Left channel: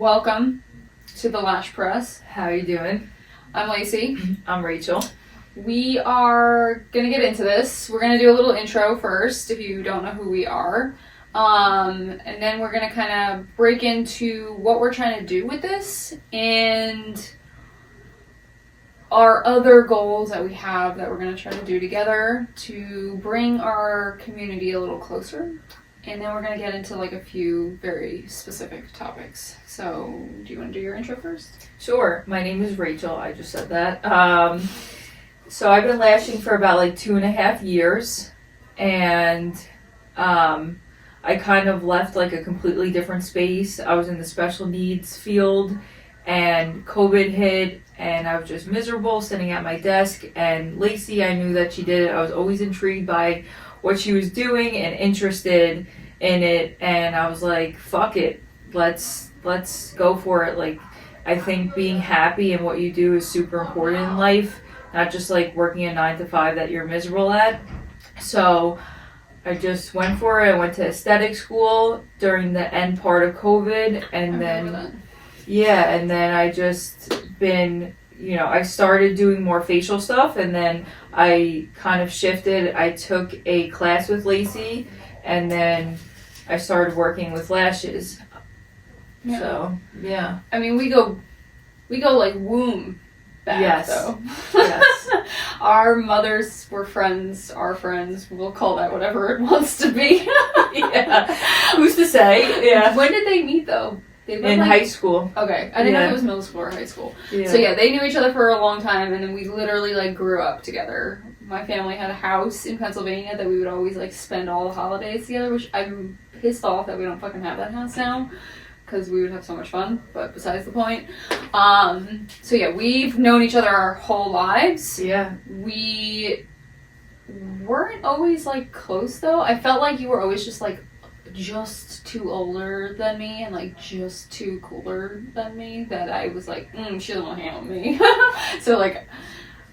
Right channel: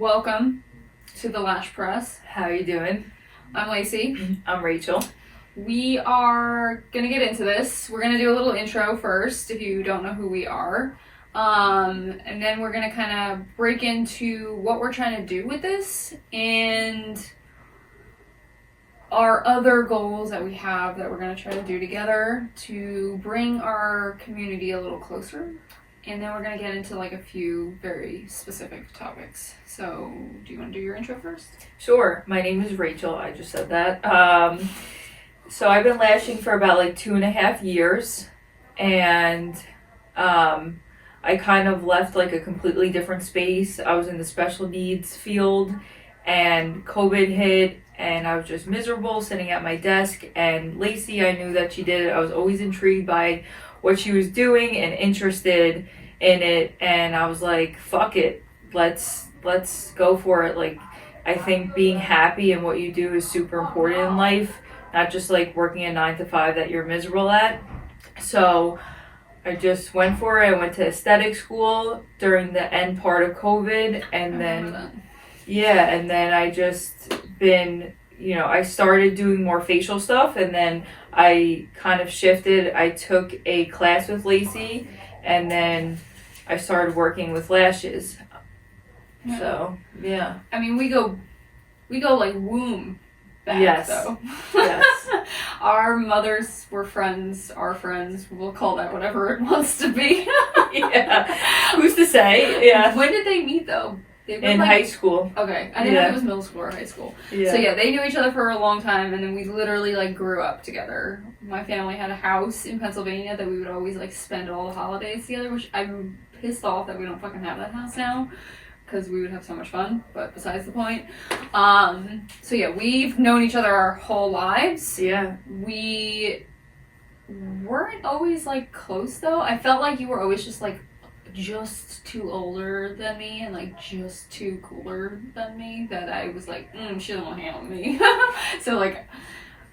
Welcome to the Lash Press. How you doing? I'm Lacey. I'm Rachel. We are going to get into this. We're going to do a little intro first, if you don't know who we are. And then we're going to kind of break into what we're trying to do with this and our other goals that we have that we're going to try to do together to bring our community a little closer. And then we're going to get into like a few very specific topics. So, do you want to do your intro first? Sure. My name is Rachel. I just said that. So I've been lashing for about like 2.5 years, and I kind of left like a completely different space. I was in the special needs field, and COVID hit, and I was just miserable sitting at my desk. And Lacey, I knew that she did it. I was always intrigued by what she was doing and interested in it, and I was like, fuck it, let's go for it. Like, I think being happy in what you do is super important in life, not just like working a 9 to 5 that you're miserable at. So I just went for it. I went to aesthetic school during the end part of COVID, and then I just been, I started doing more facial stuff, and then I kind of shifted. I took a class with Lacey, and then I started working with lashes. Yeah. So, yeah. I mean, we go like womb back, yes. though. Yes. Our mothers were friends, our friends. We'll call that whatever it wants to be. Yeah. Who's to say? Yeah. When did they meet, though? In high school. Okay. I didn't know if it was middle school or high school. Yeah. So, yeah, they knew each other for a long time, and then we literally, like, grew up together. My family had a house in Pennsylvania that we would always, like, spend all the holidays together, which I'm pissed off that we don't fucking have that house now, because we would have so much fun, but besides the point. So, yeah, we've known each other our whole lives. Yeah. We weren't always, like, close, though. I felt like you were always just, like, just too older than me and like just too cooler than me, that I was like, she doesn't want to hang out with me. So like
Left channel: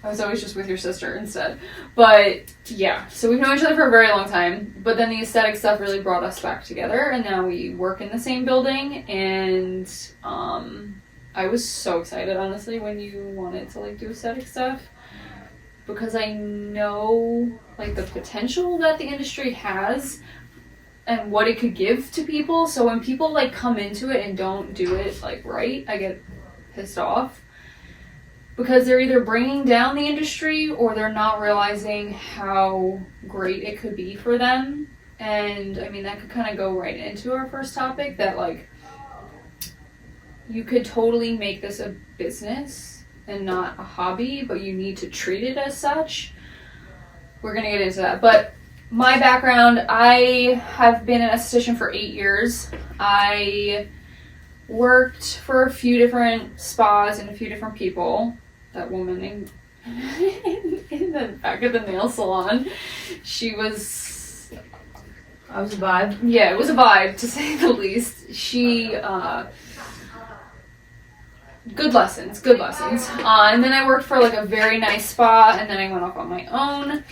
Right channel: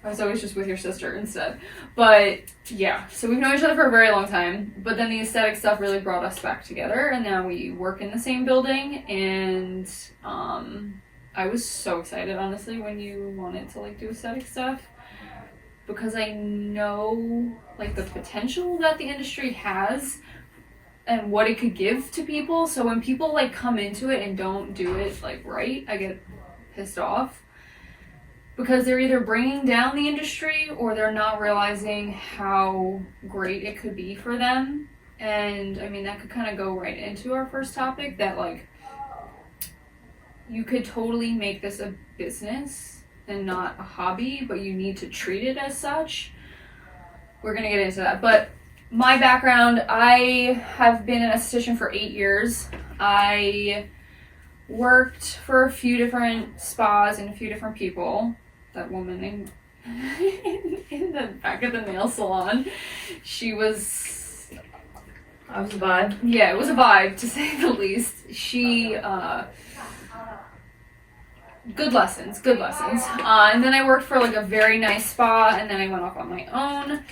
I was always just with your sister instead. But yeah, so we've known each other for a very long time, but then the aesthetic stuff really brought us back together, and now we work in the same building. And I was so excited, honestly, when you wanted to like do aesthetic stuff, because I know like the potential that the industry has and what it could give to people. So when people like come into it and don't do it like right, I get pissed off, because they're either bringing down the industry or they're not realizing how great it could be for them. And I mean, that could kind of go right into our first topic, that like you could totally make this a business and not a hobby, but you need to treat it as such. We're gonna get into that, but my background, I have been an esthetician for 8 years. I worked for a few different spas and a few different people. That woman in the back of the nail salon, she was... I was a vibe. Yeah, it was a vibe, to say the least. She, good lessons. And then I worked for like a very nice spa, and then I went off on my own.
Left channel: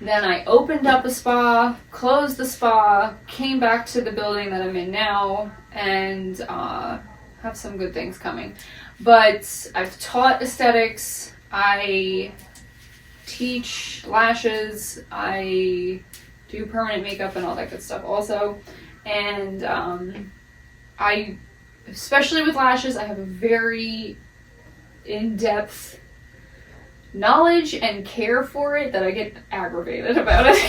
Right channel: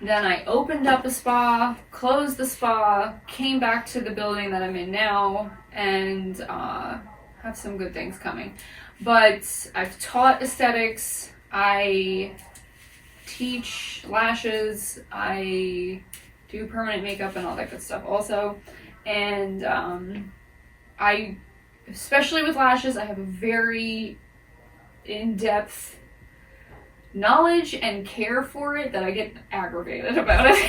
Then I opened up a spa, closed the spa, came back to the building that I'm in now, and have some good things coming. But I've taught aesthetics, I teach lashes, I do permanent makeup and all that good stuff also. And I, especially with lashes, I have a very in-depth knowledge and care for it that I get aggravated about it.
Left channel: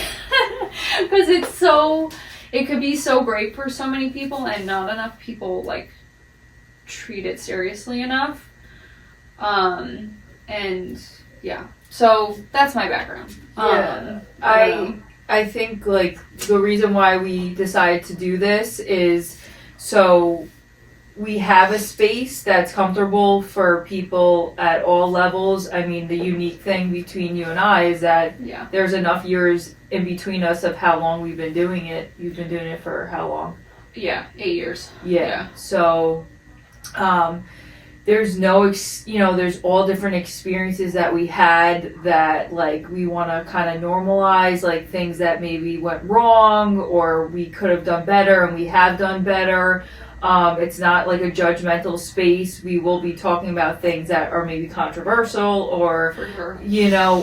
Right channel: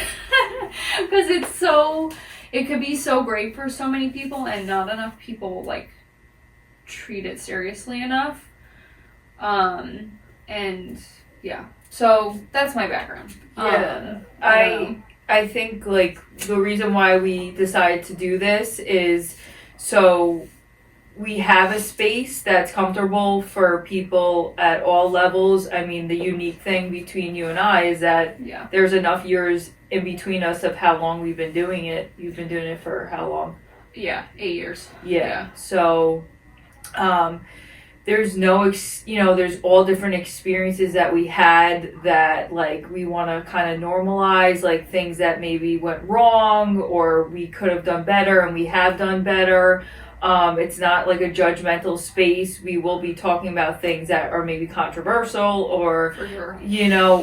Because it could be so great for so many people, and not enough people like treat it seriously enough. And yeah, so that's my background. Yeah. I think like the reason why we decided to do this is so we have a space that's comfortable for people at all levels. I mean, the unique thing between you and I is that there's enough years in between us of how long we've been doing it. You've been doing it for how long? Yeah, 8 years. Yeah. So there's no, there's all different experiences that we had that, like, we want to kind of normalize, like, things that maybe went wrong or we could have done better and we have done better. It's not like a judgmental space. We will be talking about things that are maybe controversial or, For sure.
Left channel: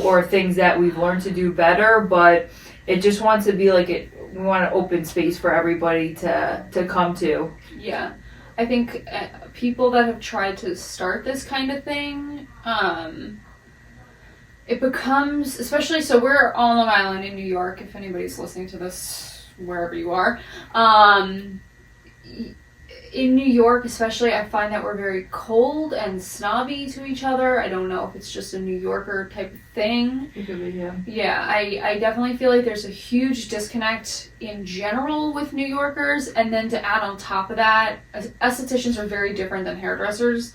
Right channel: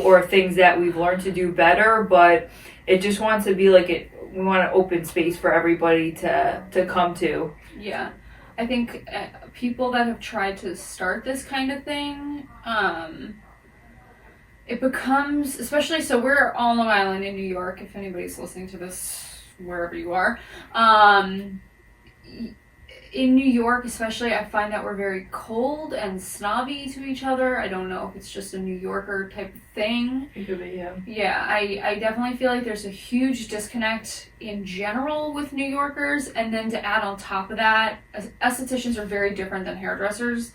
or things that we've learned to do better, but it just wants to be like we want an open space for everybody to come to. Yeah. I think people that have tried to start this kind of thing, it becomes, especially, so we're on Long Island in New York, if anybody's listening to this, wherever you are. In New York, especially, I find that we're very cold and snobby to each other. I don't know if it's just a New Yorker type of thing. It could be, yeah. Yeah, I definitely feel like there's a huge disconnect in general with New Yorkers, and then to add on top of that, estheticians are very different than hairdressers.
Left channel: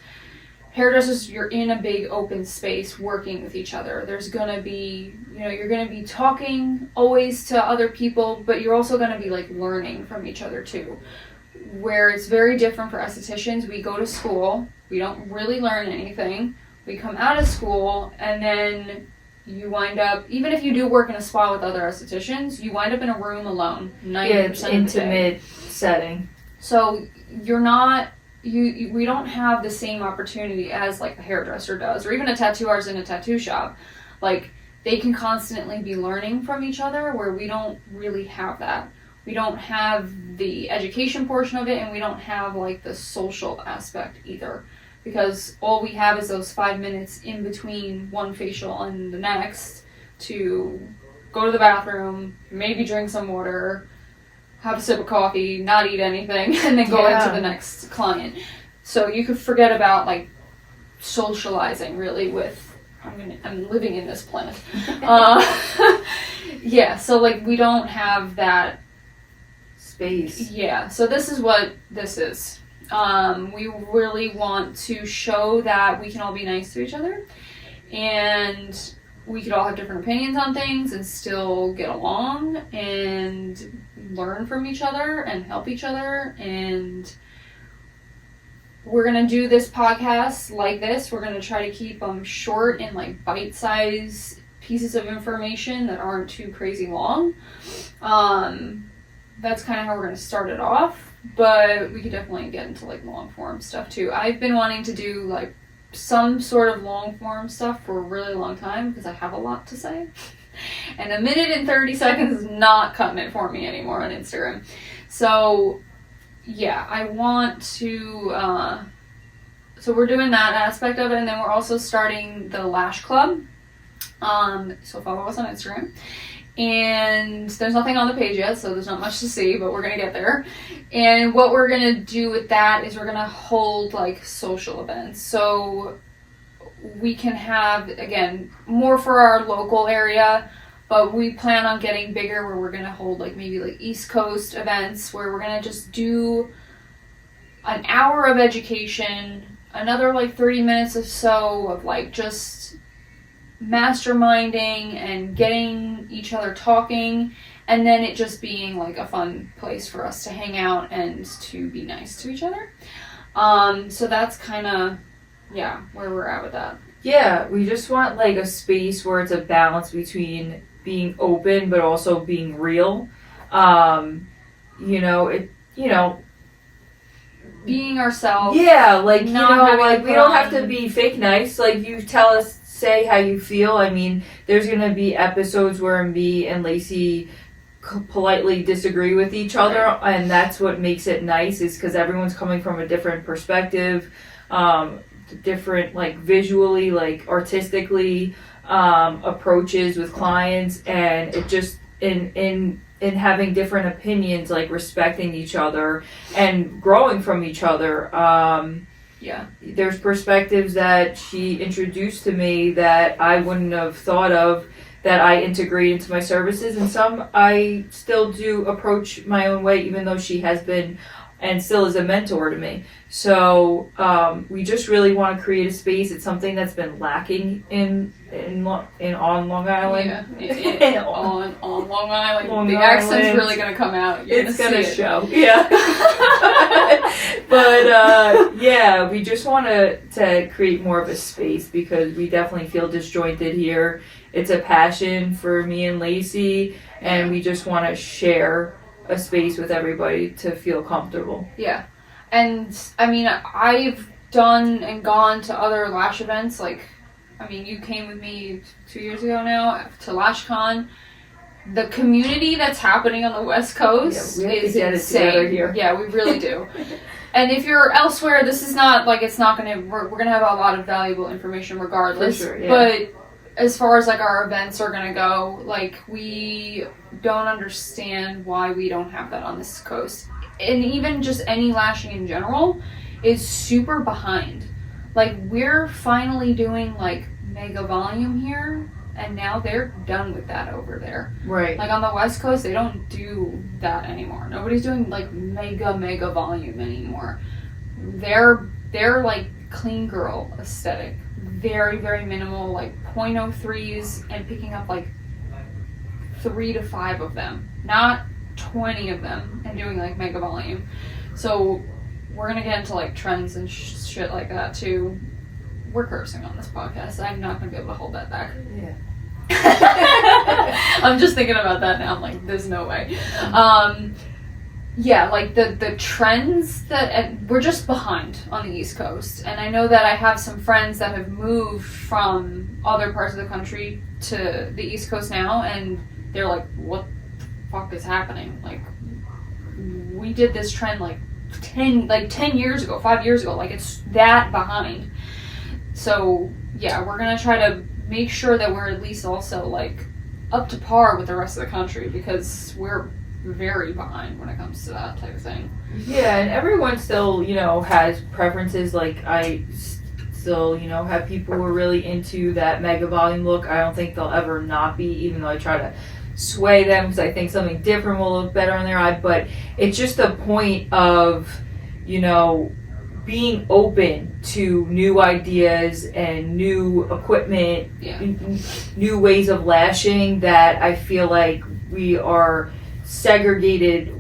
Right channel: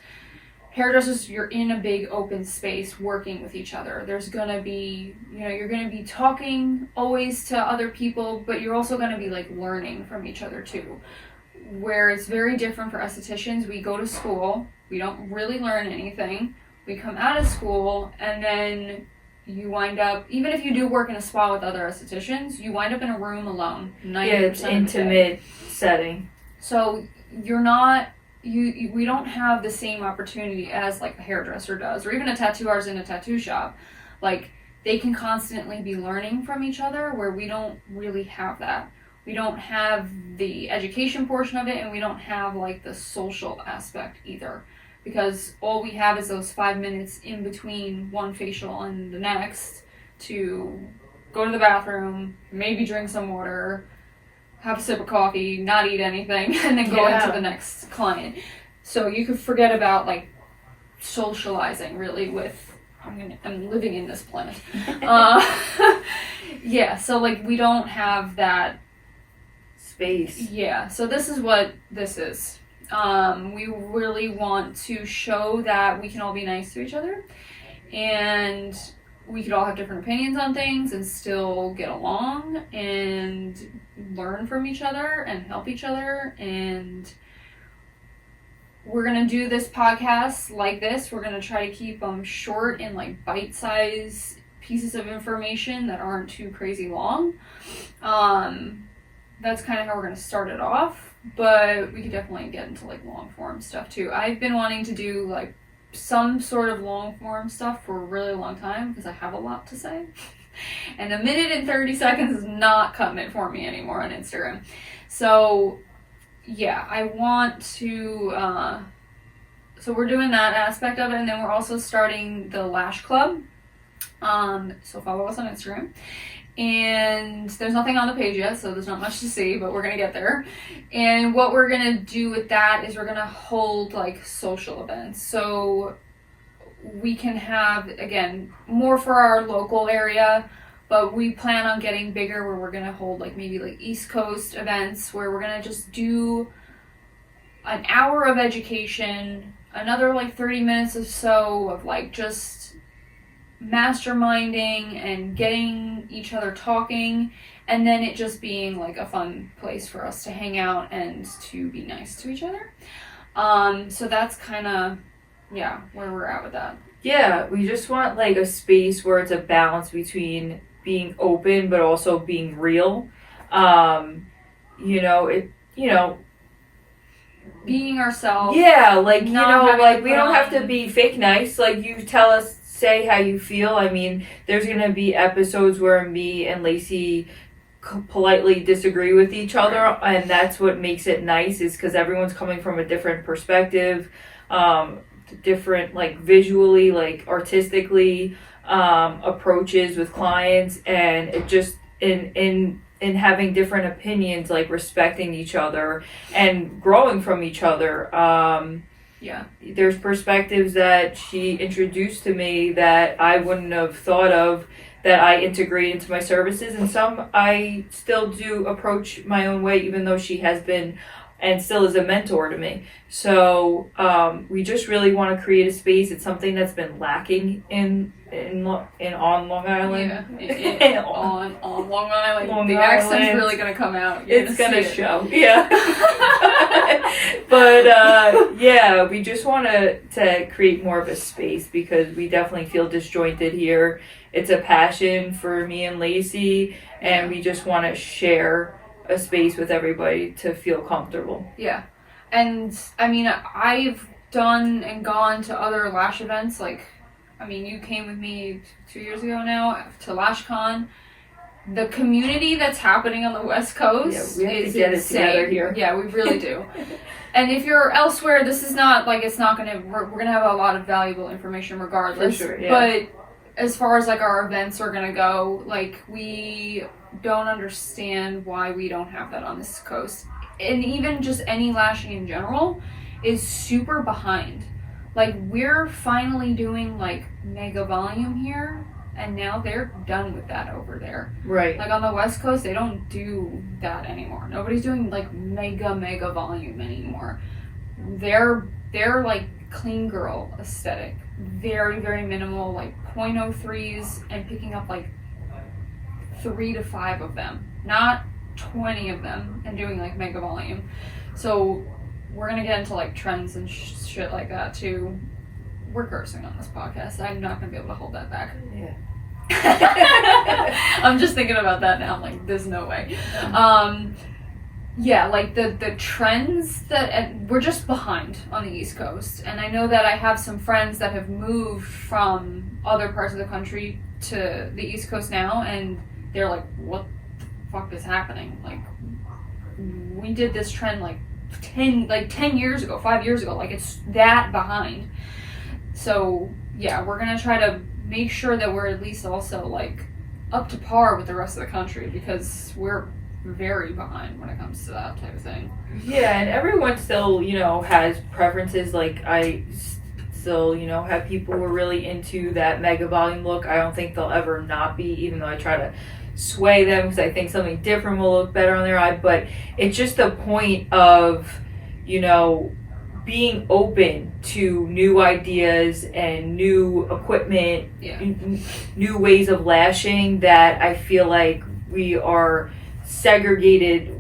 Hairdressers, you're in a big open space working with each other. There's gonna be, you're gonna be talking always to other people, but you're also gonna be like learning from each other too. Where it's very different for estheticians, we go to school, we don't really learn anything. We come out of school, and then you wind up, even if you do work in a spa with other estheticians, you wind up in a room alone 90% of the day. It's intimate setting. So you're not, we don't have the same opportunity as like a hairdresser does, or even a tattoo artist in a tattoo shop. Like, they can constantly be learning from each other, where we don't really have that. We don't have the education portion of it, and we don't have like the social aspect either, because all we have is those 5 minutes in between one facial and the next to go to the bathroom, maybe drink some water, have a sip of coffee, not eat anything, and then go into the next client. So you could forget about like socializing really with, I'm living in this planet. Yeah, so like we don't have that space. Yeah, so this is what this is. We really want to show that we can all be nice to each other, and we could all have different opinions on things and still get along and learn from each other and help each other. And we're gonna do this podcast like this. We're gonna try to keep them short and like bite-sized pieces of information that aren't too crazy long. That's kind of how we're going to start it off, but we could definitely get into like long form stuff too. I've been wanting to do like some sort of long form stuff for a really long time because I have a lot to say, and a minute and 30 seconds is not cutting it for me anymore on Instagram. So yeah, I want to, so we're doing that aspect of it, and then we're also starting the Lash Club. So follow us on Instagram. And there's nothing on the page yet, so there's not much to see, but we're gonna get there. And what we're gonna do with that is we're gonna hold like social events. So we can have, again, more for our local area, but we plan on getting bigger, where we're gonna hold like maybe like East Coast events, where we're gonna just do an hour of education, another like 30 minutes or so of like just masterminding and getting each other talking, and then it just being like a fun place for us to hang out and to be nice to each other. So that's kind of, yeah, where we're at with that. Yeah, we just want like a space where it's a balance between being open but also being real. Being ourselves. Yeah, like, we having don't have to be fake nice. Like, you tell us, say how you feel. I mean, there's gonna be episodes where me and Lacey politely disagree with each other, and that's what makes it nice, is because everyone's coming from a different perspective, different like visually, like artistically, approaches with clients, and it just in having different opinions, like respecting each other and growing from each other. Yeah. There's perspectives that she introduced to me that I wouldn't have thought of, that I integrate into my services, and some I still do approach my own way, even though she has been and still is a mentor to me. So we just really want to create a space. It's something that's been lacking on Long Island. Yeah, on Long Island. Long the Island. accent's really gonna come out. It's gonna show. Yeah. But yeah, we just want to create more of a space, because we definitely feel disjointed here. It's a passion for me and Lacey, and we just want to share a space with everybody to feel comfortable. Yeah. And I mean, I've done and gone to other Lash events. Like, I mean, you came with me 2 years ago now to LashCon. The community that's happening on the West Coast we have is to get insane. it together here. Yeah, we really do. And if you're elsewhere, this is not like it's not gonna. We're gonna have a lot of valuable information regardless. For sure, yeah. But as far as like our events are gonna go, like we don't understand why we don't have that on this coast, and even just any lashing in general is super behind. Like we're finally doing like mega volume here. And now they're done with that over there. Right. Like on the West Coast, they don't do that anymore. Nobody's doing like mega volume anymore. They're like clean girl aesthetic. Very, very minimal, like 0.03s and picking up like 3 to 5 of them. Not 20 of them and doing like mega volume. So we're gonna get into like trends and shit like that too. We're cursing on this podcast. I'm not going to be able to hold that back. Yeah. I'm just thinking about that now. I'm like, there's no way. Yeah, like the trends that we're just behind on the East Coast. And I know that I have some friends that have moved from other parts of the country to the East Coast now. And they're like, what the fuck is happening? Like, we did this trend like 10 years ago, 5 years ago. Like, it's that behind. So, yeah, we're going to try to make sure that we're at least also, like, up to par with the rest of the country because we're very behind when it comes to that type of thing. Yeah, and everyone still, has preferences. Like, I still, have people who are really into that mega volume look. I don't think they'll ever not be, even though I try to sway them because I think something different will look better on their eye. But it's just a point of, being open to new ideas and new equipment, new ways of lashing that I feel like we are segregated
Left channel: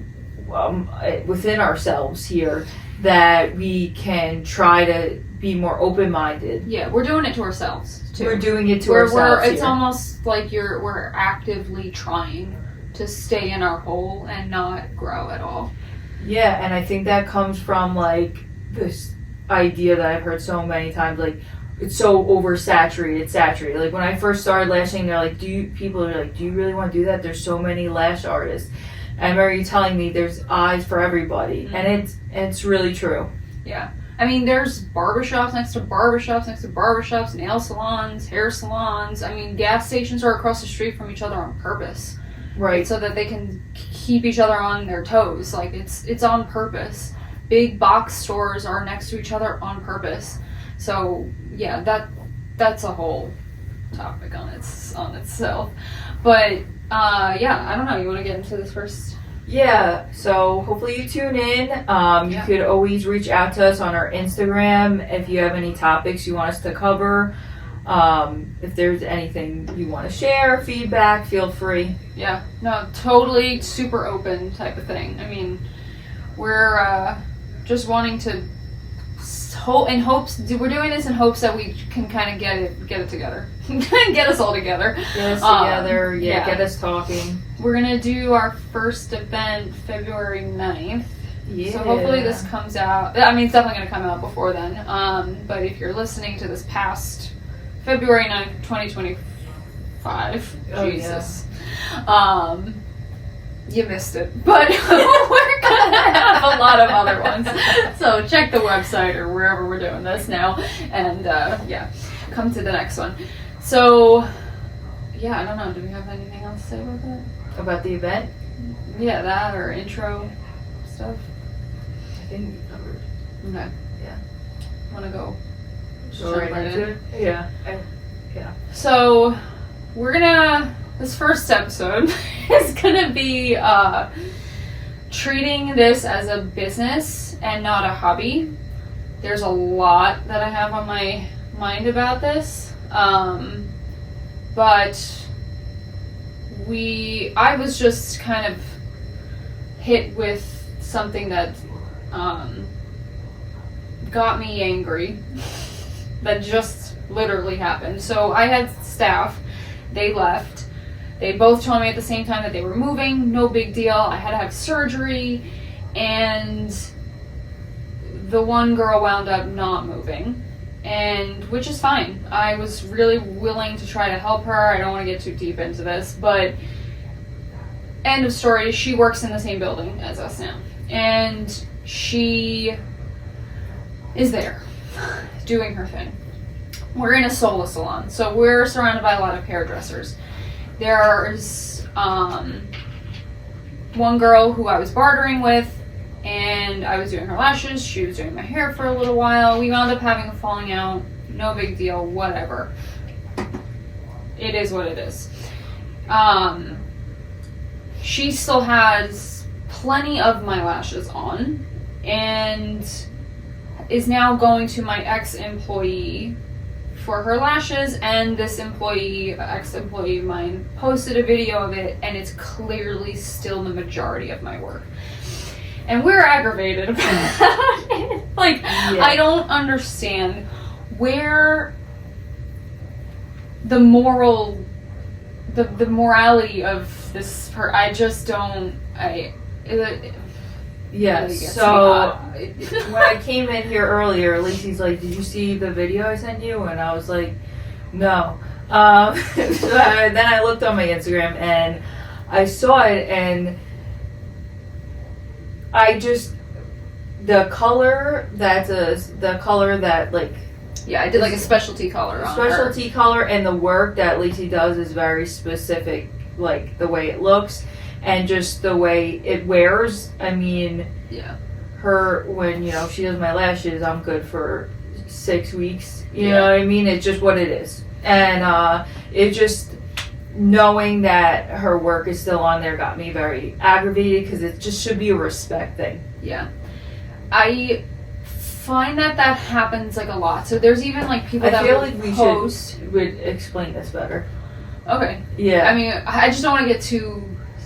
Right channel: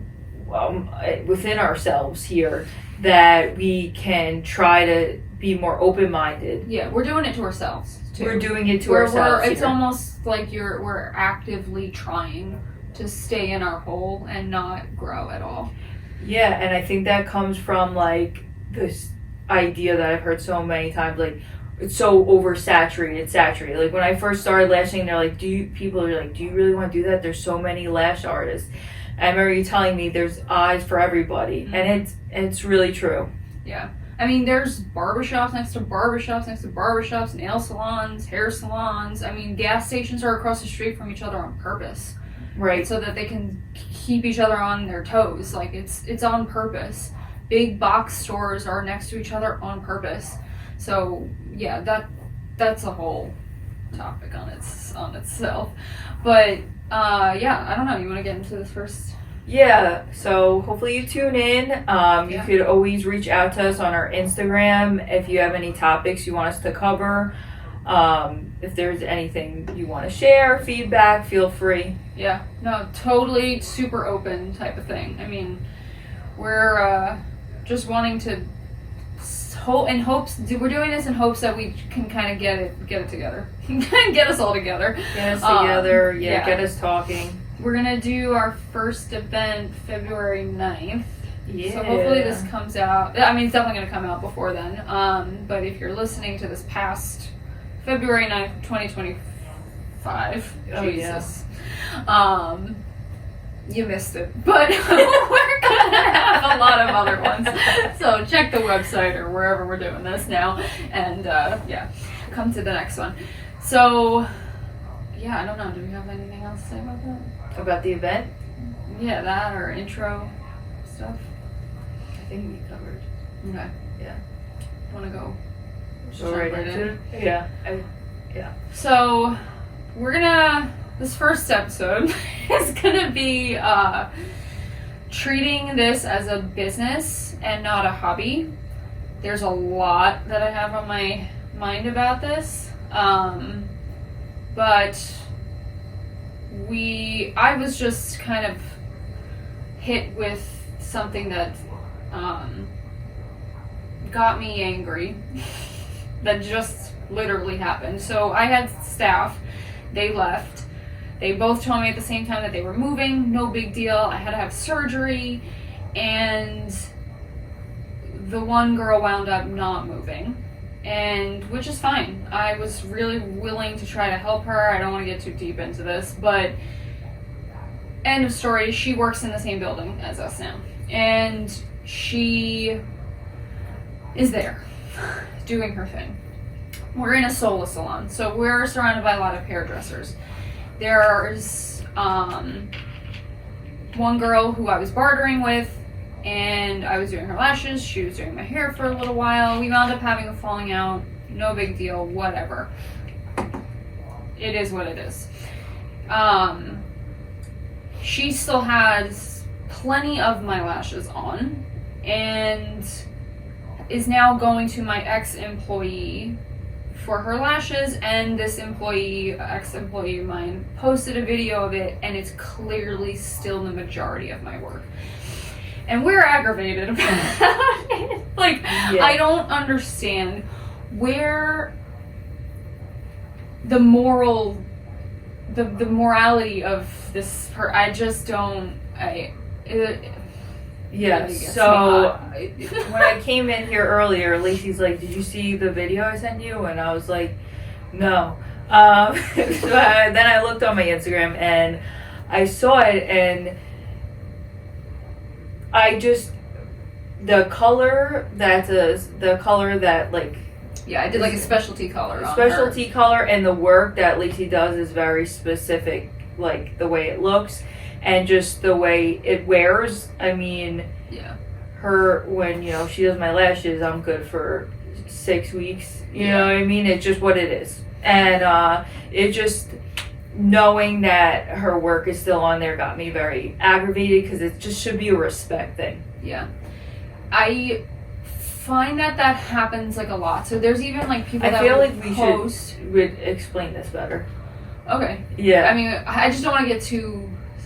within ourselves here, that we can try to be more open-minded. Yeah, we're doing it to ourselves too. We're doing it to ourselves. It's almost like we're actively trying to stay in our hole and not grow at all. Yeah, and I think that comes from like this idea that I've heard so many times, like it's so saturated. Like when I first started lashing, they're like, people are like, do you really want to do that? There's so many lash artists. And I remember you telling me there's eyes for everybody, and it's really true. Yeah. I mean, there's barbershops next to barbershops, nail salons, hair salons. I mean, gas stations are across the street from each other on purpose. Right. So that they can keep each other on their toes. Like, it's on purpose. Big box stores are next to each other on purpose. So, yeah, that's a whole topic on itself. But, yeah, I don't know. You want to get into this first? Yeah, so hopefully you tune in. You could always reach out to us on our Instagram if you have any topics you want us to cover. If there's anything you want to share, feedback, feel free. Yeah, no, totally super open type of thing. I mean, we're just wanting to we're doing this in hopes that we can kind of get it together. Get us all together. Get us together, get us talking. We're going to do our first event February 9th. Yeah. So hopefully this comes out. I mean, it's definitely going to come out before then. But if you're listening to this past February 9th, 2025, Jesus. Yeah. You missed it. But we're going to have a lot of other ones. So check the website or wherever we're doing this now. And, come to the next one. So, yeah, I don't know. Do we have anything else to say about that? About the event? Yeah, that or intro stuff. I think we covered. Okay. Yeah. Want to go right into it? Yeah. So, this first episode is gonna be treating this as a business and not a hobby. There's a lot that I have on my mind about this. But I was just kind of hit with something that got me angry that just literally happened. So I had staff, they left. They both told me at the same time that they were moving, no big deal. I had to have surgery, and the one girl wound up not moving, and which is fine. I was really willing to try to help her. I don't want to get too deep into this, but end of story, she works in the same building as us now. And she is there doing her thing. We're in a solo salon, so we're surrounded by a lot of hairdressers. There's one girl who I was bartering with, and I was doing her lashes. She was doing my hair for a little while. We wound up having a falling out. No big deal, whatever. It is what it is. She still has plenty of my lashes on, and is now going to my ex-employee for her lashes, and this ex-employee of mine, posted a video of it, and it's clearly still the majority of my work. And we're aggravated about it. Like, yeah. I don't understand where the morality of this, I just don't, yeah, so when I came in here earlier, Lacey's like, did you see the video I sent you? And I was like, no. So then I looked on my Instagram and I saw it, and I just, the color that like, yeah, I did like a specialty color on specialty color, and the work that Lacey does is very specific, like the way it looks and just the way it wears. I mean, yeah, her, when, you know, she does my lashes, I'm good for 6 weeks, you know what I mean? It's just what it is. And it just, knowing that her work is still on there got me very aggravated, because it just should be a respect thing. Yeah, I find that happens like a lot. So there's even like people that I feel like would explain this better. Okay. Yeah. I mean, I just don't want to get too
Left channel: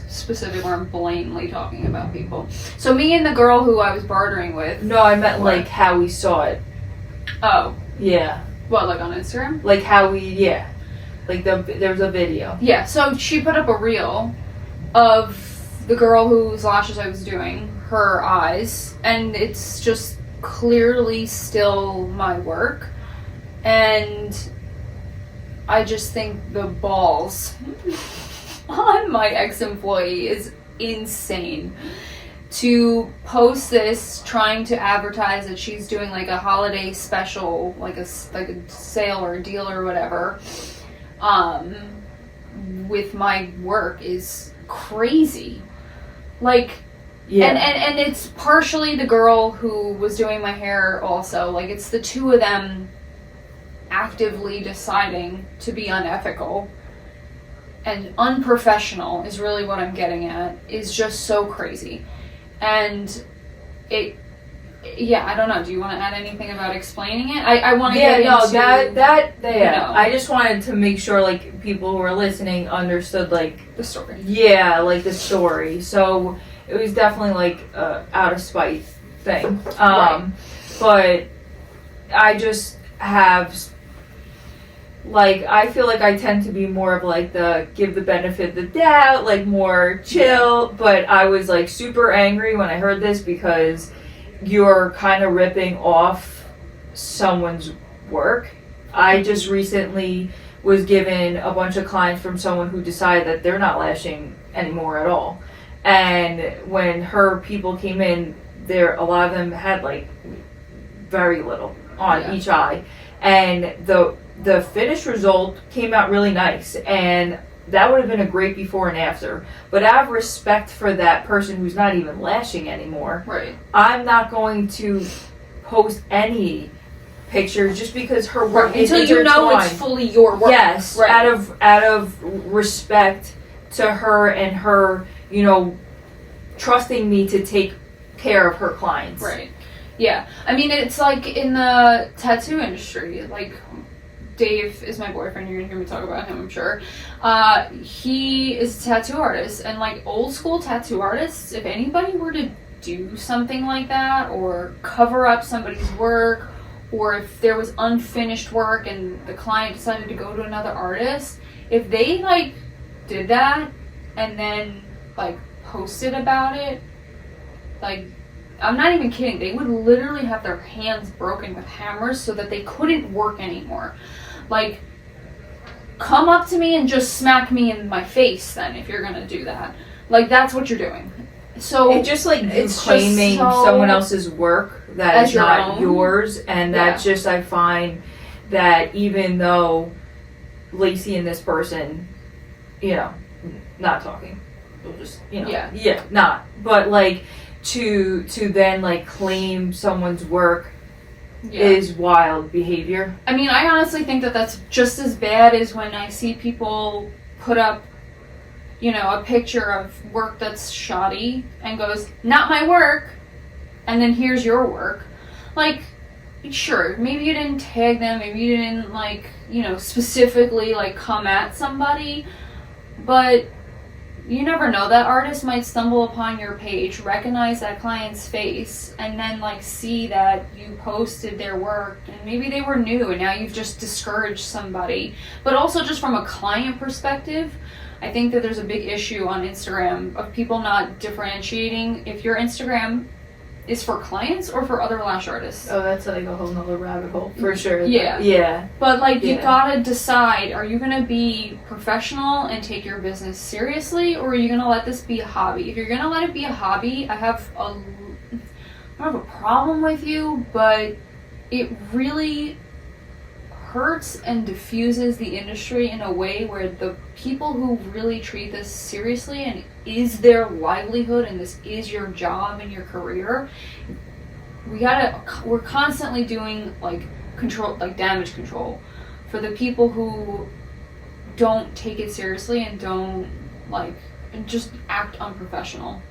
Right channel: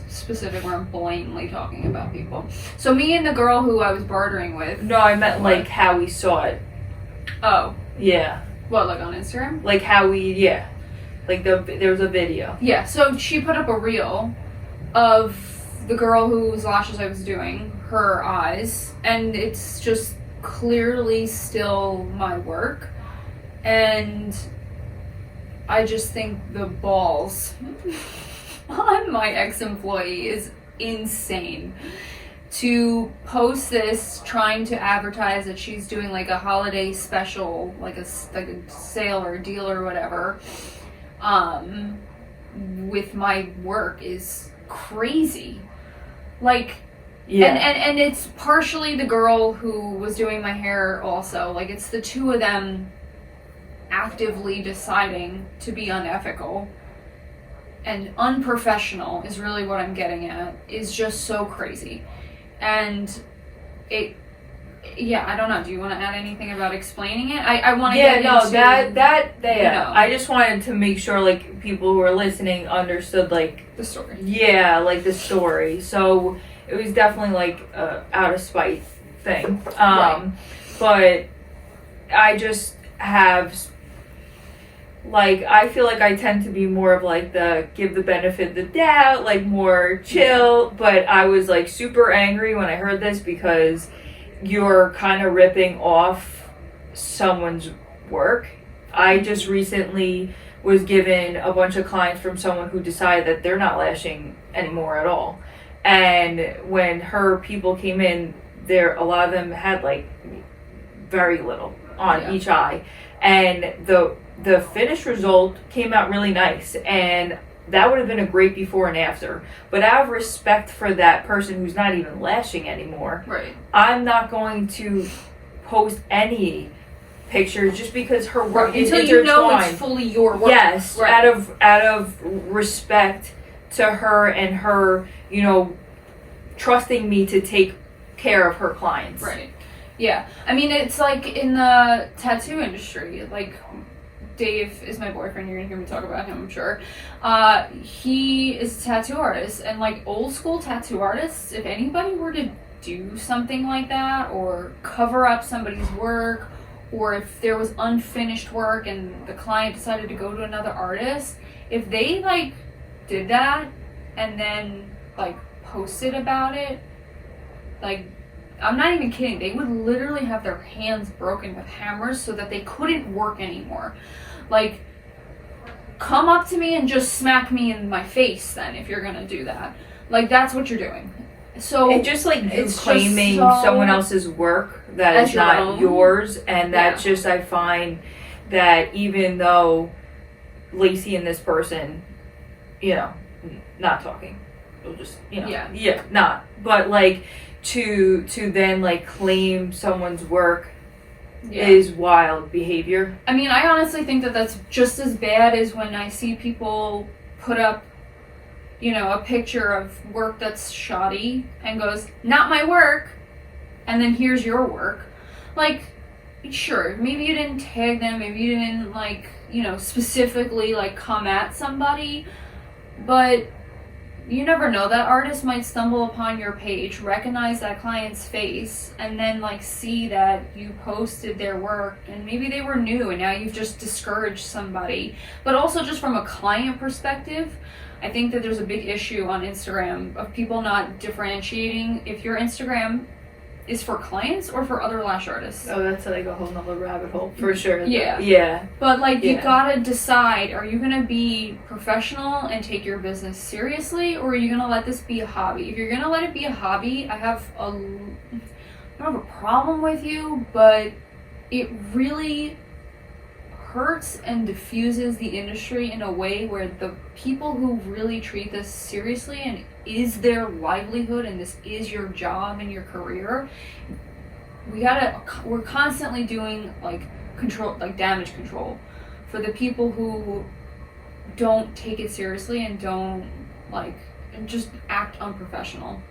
specific where I'm blatantly talking about people. So me and the girl who I was bartering with. No, I meant like how we saw it. Oh. Yeah. What, like on Instagram? Like how we, yeah. Like there was a video. Yeah, so she put up a reel of the girl whose lashes I was doing, her eyes, and it's just clearly still my work. And I just think the balls on my ex-employee is insane to post this trying to advertise that she's doing like a holiday special, like a sale or a deal or whatever, with my work is crazy. Like, yeah. And it's partially the girl who was doing my hair also. Like, it's the two of them actively deciding to be unethical and unprofessional is really what I'm getting at, is just so crazy. And I don't know. Do you want to add anything about explaining it? I want to get into... Yeah, I just wanted to make sure, like, people who are listening understood, like... the story. Yeah, like, the story. So, it was definitely, like, out of spite thing. Right. But I just have... Like, I feel like I tend to be more of, like, the give the benefit of the doubt, like, more chill. But I was, like, super angry when I heard this, because you're kind of ripping off someone's work. I just recently was given a bunch of clients from someone who decided that they're not lashing anymore at all. And when her people came in, a lot of them had, like, very little on each eye. And the finished result came out really nice, and that would have been a great before and after. But out of respect for that person who's not even lashing anymore, right, I'm not going to post any pictures just because her work is until you know it's fully your work. Yes, right. out of respect to her and her, you know, trusting me to take care of her clients. Right. Yeah. I mean, it's like in the tattoo industry, like, Dave is my boyfriend. You're gonna hear me talk about him, I'm sure. He is a tattoo artist, and like old school tattoo artists, if anybody were to do something like that or cover up somebody's work, or if there was unfinished work and the client decided to go to another artist, if they like did that and then like posted about it, like I'm not even kidding, they would literally have their hands broken with hammers so that they couldn't work anymore. Like, come up to me and just smack me in my face then if you're gonna do that. Like, that's what you're doing. So it's just like you it's claiming just someone else's work that is not yours, and that's just, I find that even though Lacey and this person, you know, not talking, we'll just, you know, not, but like to then like claim someone's work is wild behavior. I mean, I honestly think that that's just as bad as when I see people put up, you know, a picture of work that's shoddy and goes, not my work, and then here's your work. Like, sure, maybe you didn't tag them, maybe you didn't, like, you know, specifically, like, come at somebody, but you never know. That artist might stumble upon your page, recognize that client's face, and then, like, see that you posted their work, and maybe they were new, and now you've just discouraged somebody. But also, just from a client perspective, I think that there's a big issue on Instagram of people not differentiating if your Instagram is for clients or for other lash artists. Oh, that's like a whole nother rabbit hole for sure. Yeah. But like, you gotta decide, are you gonna be professional and take your business seriously, or are you gonna let this be a hobby? If you're gonna let it be a hobby, I don't have a problem with you, but it really hurts and diffuses the industry in a way where the people who really treat this seriously and is their livelihood and this is your job and your career, we're constantly doing like control, like damage control for the people who don't take it seriously and don't like just act unprofessional.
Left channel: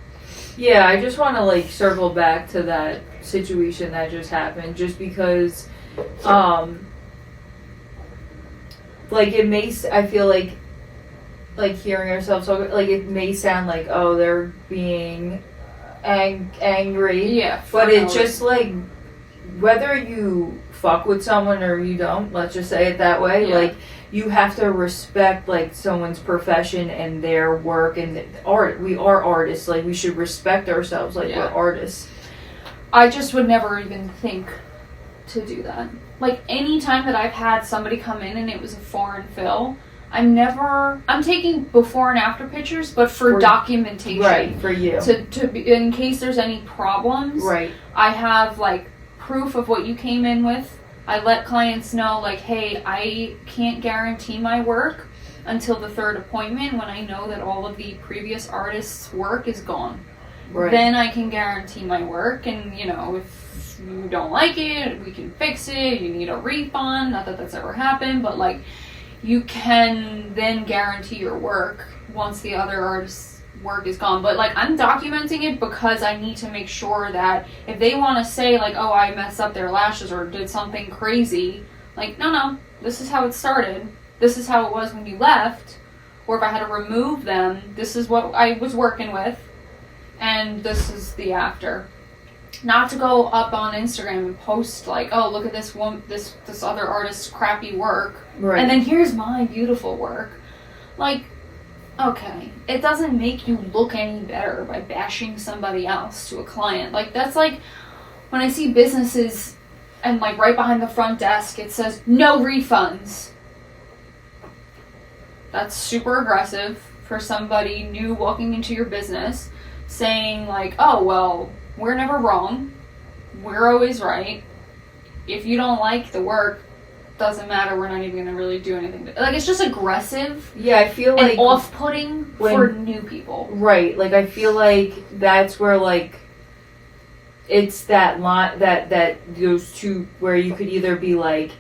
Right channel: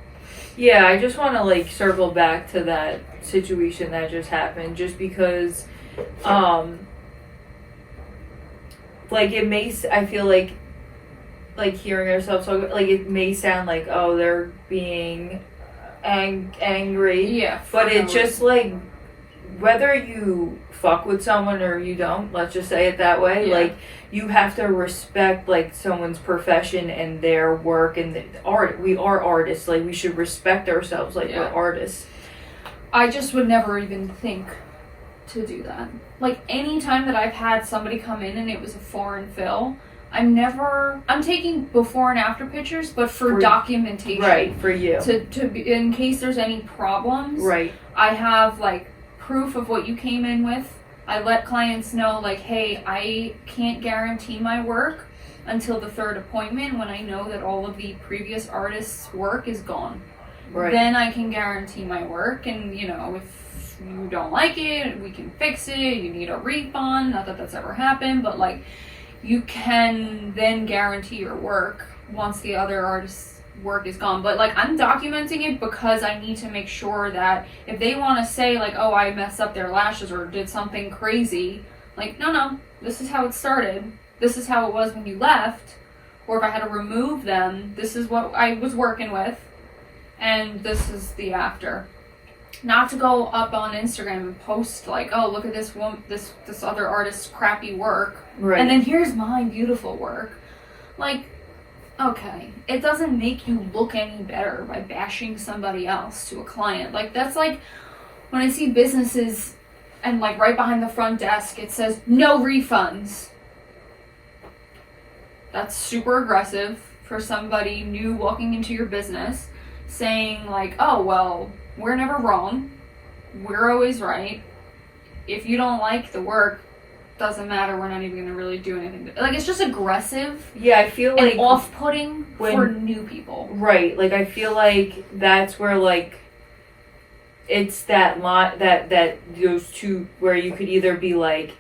Yeah, I just want to like circle back to that situation that just happened, just because like it may, I feel like hearing ourselves talk, like it may sound like, oh, they're being angry. Yeah. But it's just like, whether you fuck with someone or you don't, let's just say it that way, like you have to respect like someone's profession and their work and the art. We are artists, like we should respect ourselves like we're artists. I just would never even think to do that. Like, any time that I've had somebody come in and it was a foreign fill, I'm taking before and after pictures, but for documentation. Right, for you. To be, in case there's any problems. Right. I have, like, proof of what you came in with. I let clients know, like, hey, I can't guarantee my work until the third appointment when I know that all of the previous artists' work is gone. Right. Then I can guarantee my work, and, you know, if you don't like it, we can fix it, you need a refund, not that that's ever happened, but, like, you can then guarantee your work once the other artist's work is gone. But, like, I'm documenting it because I need to make sure that if they want to say, like, oh, I messed up their lashes or did something crazy, like, no, this is how it started, this is how it was when you left, or if I had to remove them, this is what I was working with, and this is the after. Not to go up on Instagram and post like, oh, look at this one, this other artist's crappy work, right, and then here's my beautiful work. Like, okay, it doesn't make you look any better by bashing somebody else to a client. Like, that's like when I see businesses and like right behind the front desk it says no refunds. That's super aggressive for somebody new walking into your business, saying like, oh, well, we're never wrong, we're always right. If you don't like the work, doesn't matter, we're not even going to really do anything. Like, it's just aggressive. Yeah, I feel like... and off-putting for new people. Right, like, I feel like that's where, like, it's that lot, that those two, where you could either be, like,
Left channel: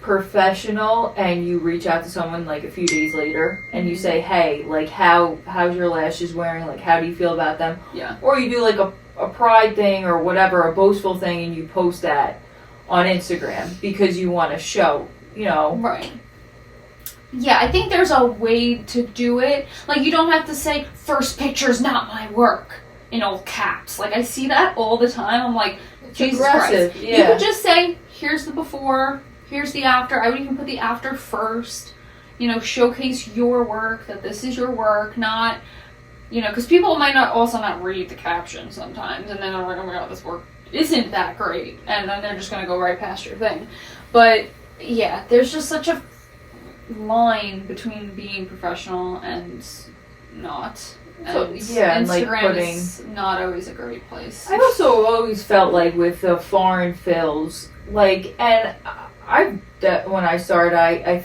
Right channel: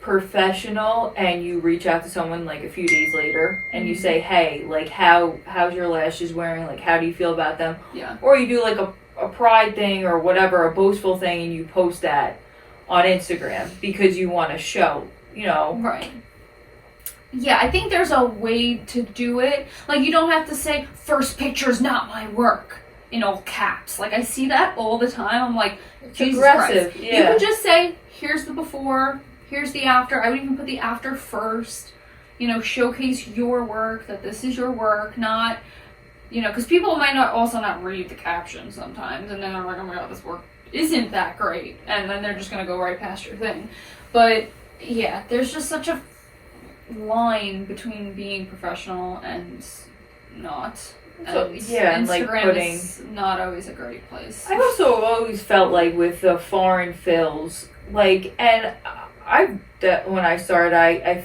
professional and you reach out to someone, like, a few days later, and you say, hey, like, how's your lashes wearing? Like, how do you feel about them? Yeah. Or you do, like, a pride thing or whatever, a boastful thing, and you post that on Instagram because you want to show, you know. Right. Yeah, I think there's a way to do it. Like, you don't have to say, first picture's not my work, in all caps. Like, I see that all the time. I'm like, it's Jesus aggressive. Christ. Yeah. You could just say, here's the before, here's the after. I would even put the after first. You know, showcase your work, that this is your work, not you know, because people might not read the caption sometimes, and then they're like, oh my god, this work isn't that great, and then they're just gonna go right past your thing. But yeah, there's just such a line between being professional and not. So, And and like Instagram is not always a great place. I've also always felt like with the foreign fills, like, and when I started, I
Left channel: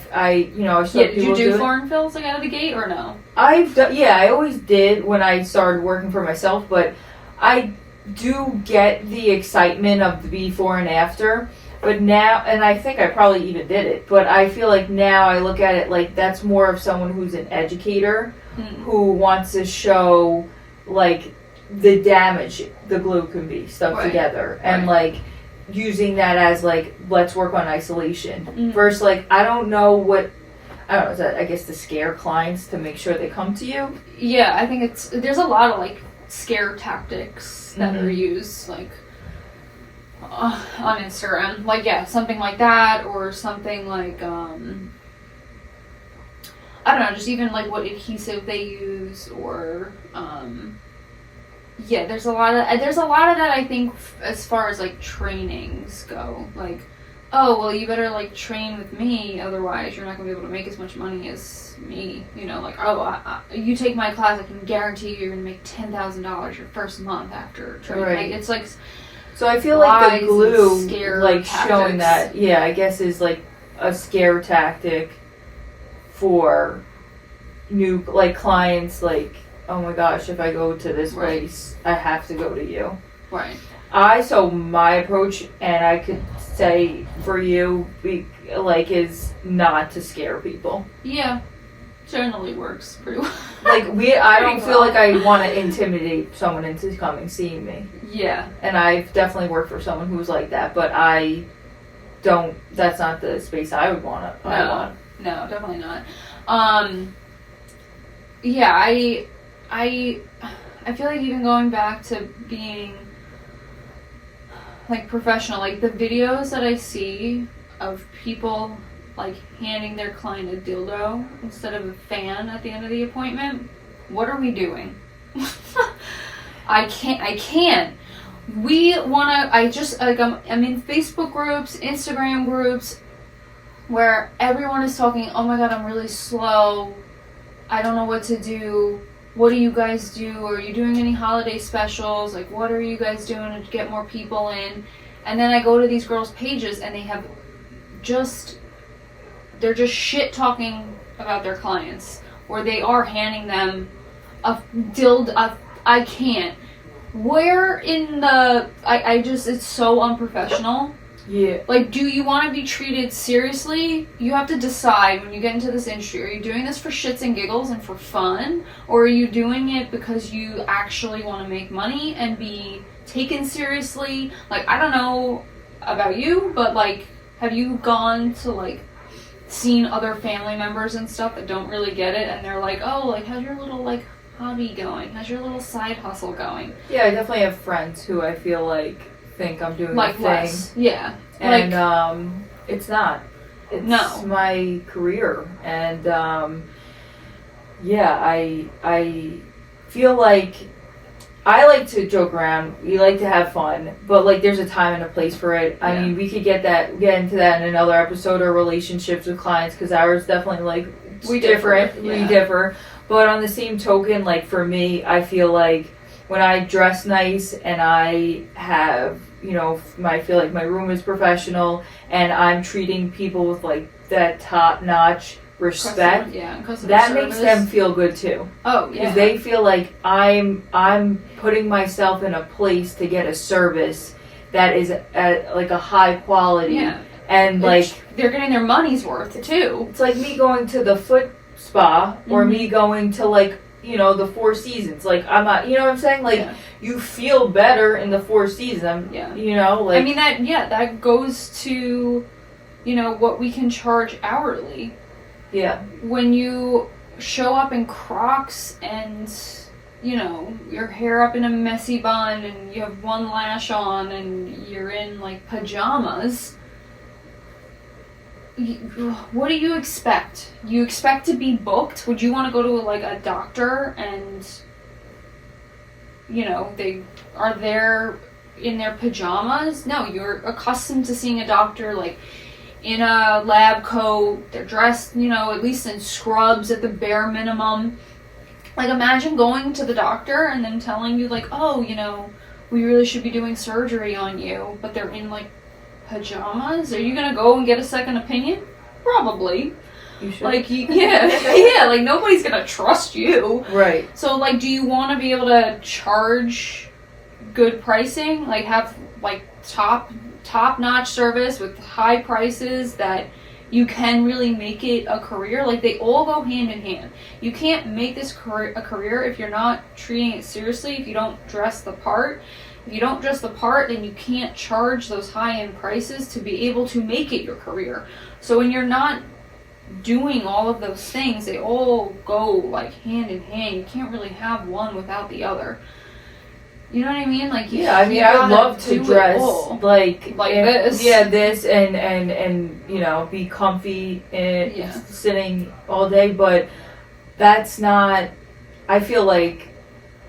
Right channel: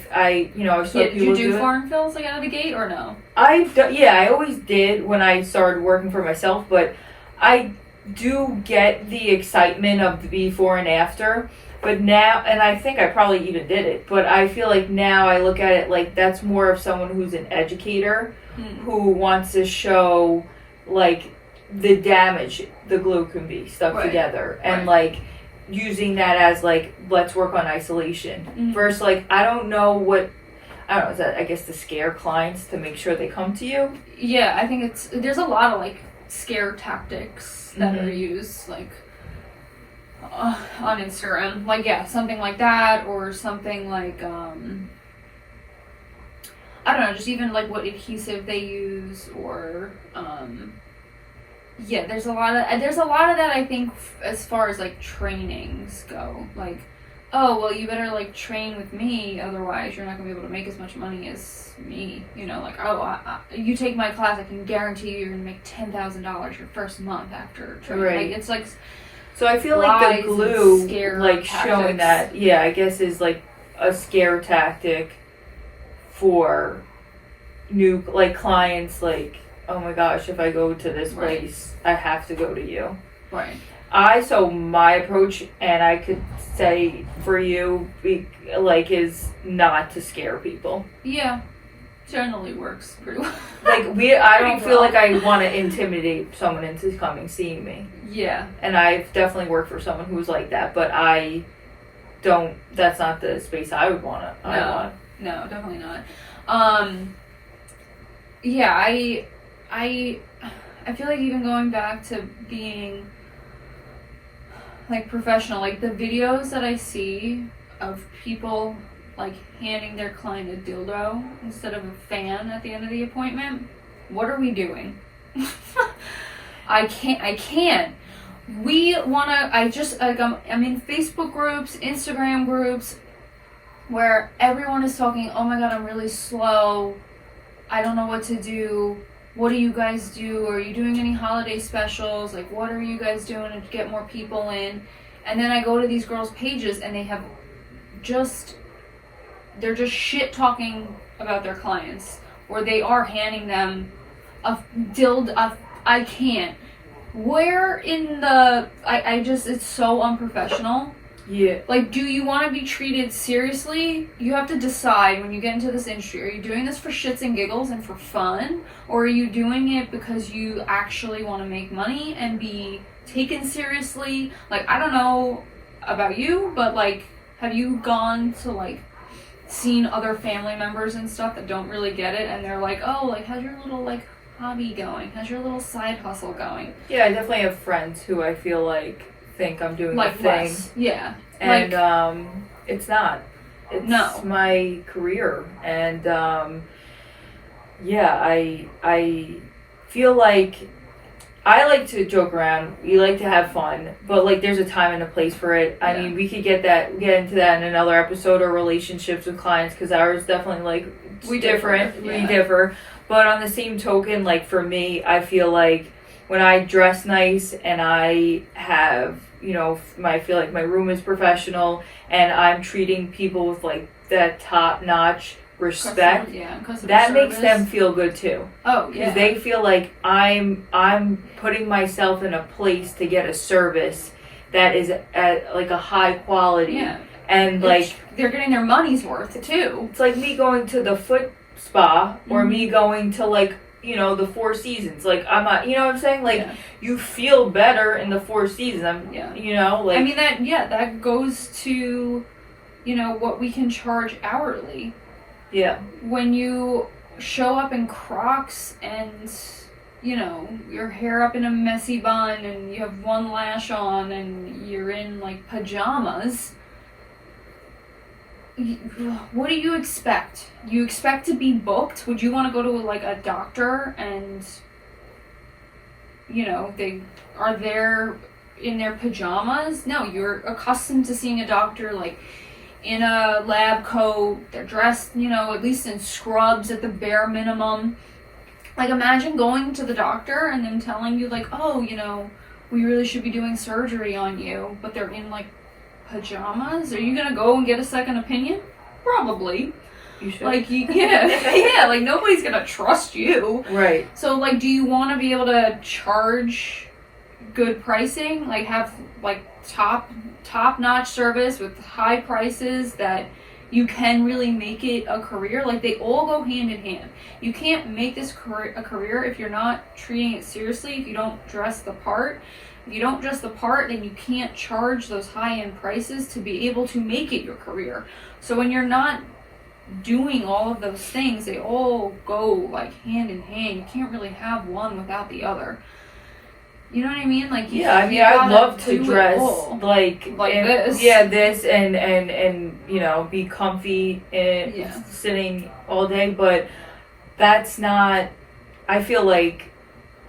saw Did people you do it. foreign fills like out of the gate or no? I always did when I started working for myself, but I do get the excitement of the before and after. But now, and I think I probably even did it, but I feel like now I look at it like that's more of someone who's an educator who wants to show like the damage the glue can be stuck together, and like using that as like, let's work on isolation versus like, I don't know, is that, I guess, to scare clients to make sure they come to you? Yeah, I think there's a lot of like scare tactics that are used, like on Instagram, like something like that, or something like I don't know, just even like what adhesive they use, or there's a lot of that. I think as far as like trainings go, like, oh well, you better like train with me, otherwise you're not gonna be able to make as much money as me. You know, like, oh, you take my class, I can guarantee you're gonna make $10,000 your first month after training. Right. Like, it's like. So I feel like the glue, like tactics. showing that, I guess is like a scare tactic for new like clients. Like, oh my gosh, if I go to this place, I have to go to you. Right. So my approach, and I could say for you, is not to scare people. Yeah. Generally works pretty well. Like I don't feel like I want to intimidate someone into seeing me. Yeah. And I've definitely worked for someone who was like that, but that's not the space I would want to. No, definitely not. Yeah, I feel like even going back to being like professional, like the videos that I see of people like handing their client a dildo instead of a fan at the end of the appointment. What are we doing? I can't. We wanna, I'm in Facebook groups, Instagram groups, where everyone is talking, oh my god, I'm really slow, I don't know what to do, what do you guys do, are you doing any holiday specials, like what are you guys doing to get more people in? And then I go to these girls' pages and they're just shit talking about their clients, or they are handing them a dildo. I can't. Where in the... it's so unprofessional. Yeah. Like, do you want to be treated seriously? You have to decide when you get into this industry. Are you doing this for shits and giggles and for fun? Or are you doing it because you actually want to make money and be taken seriously? Like, I don't know about you, but, like, have you gone to, like, seen other family members and stuff that don't really get it, and they're like, oh, like, how's your little, like, hobby going? How's your little side hustle going? Yeah, I definitely have friends who I feel like think I'm doing like a thing. Less. Yeah. And it's not. It's my career. And I feel like I like to joke around. We like to have fun, but like there's a time and a place for it. I mean, we could get into that in another episode, or relationships with clients, because ours definitely like we differ. But on the same token, like for me, I feel like when I dress nice and I have, I feel like my room is professional and I'm treating people with like that top notch respect, that makes them feel good too. Oh, yeah. Because they feel like I'm putting myself in a place to get a service that is at like a high quality. Yeah. And like they're getting their money's worth too. It's like me going to the foot spa or me going to like, the Four Seasons. Like I'm not, you know what I'm saying? Like you feel better in the Four Seasons. Like I mean that goes to, what we can charge hourly. Yeah. When you show up in Crocs and, your hair up in a messy bun and you have one lash on and you're in, like, pajamas, what do you expect? You expect to be booked? Would you want to go to, like, a doctor and they are there in their pajamas. No, you're accustomed to seeing a doctor like in a lab coat. They're dressed, at least in scrubs at the bare minimum. Like, imagine going to the doctor and then telling you, like, oh, we really should be doing surgery on you, but they're in, like, pajamas. Are you gonna go and get a second opinion? Probably. You should. Like, yeah, like, nobody's gonna trust you. Right. So, like, do you want to be able to charge good pricing? Like, have, like, top-notch service with high prices that you can really make it a career? Like, they all go hand in hand. You can't make this a career if you're not treating it seriously, if you don't dress the part. If you don't dress the part, then you can't charge those high-end prices to be able to make it your career. So when you're not doing all of those things, they all go, like, hand in hand. You can't really have one without the other. You know what I mean? Like, yeah, I mean, I'd love to dress like this. Yeah, this and be comfy and sitting all day, but that's not. I feel like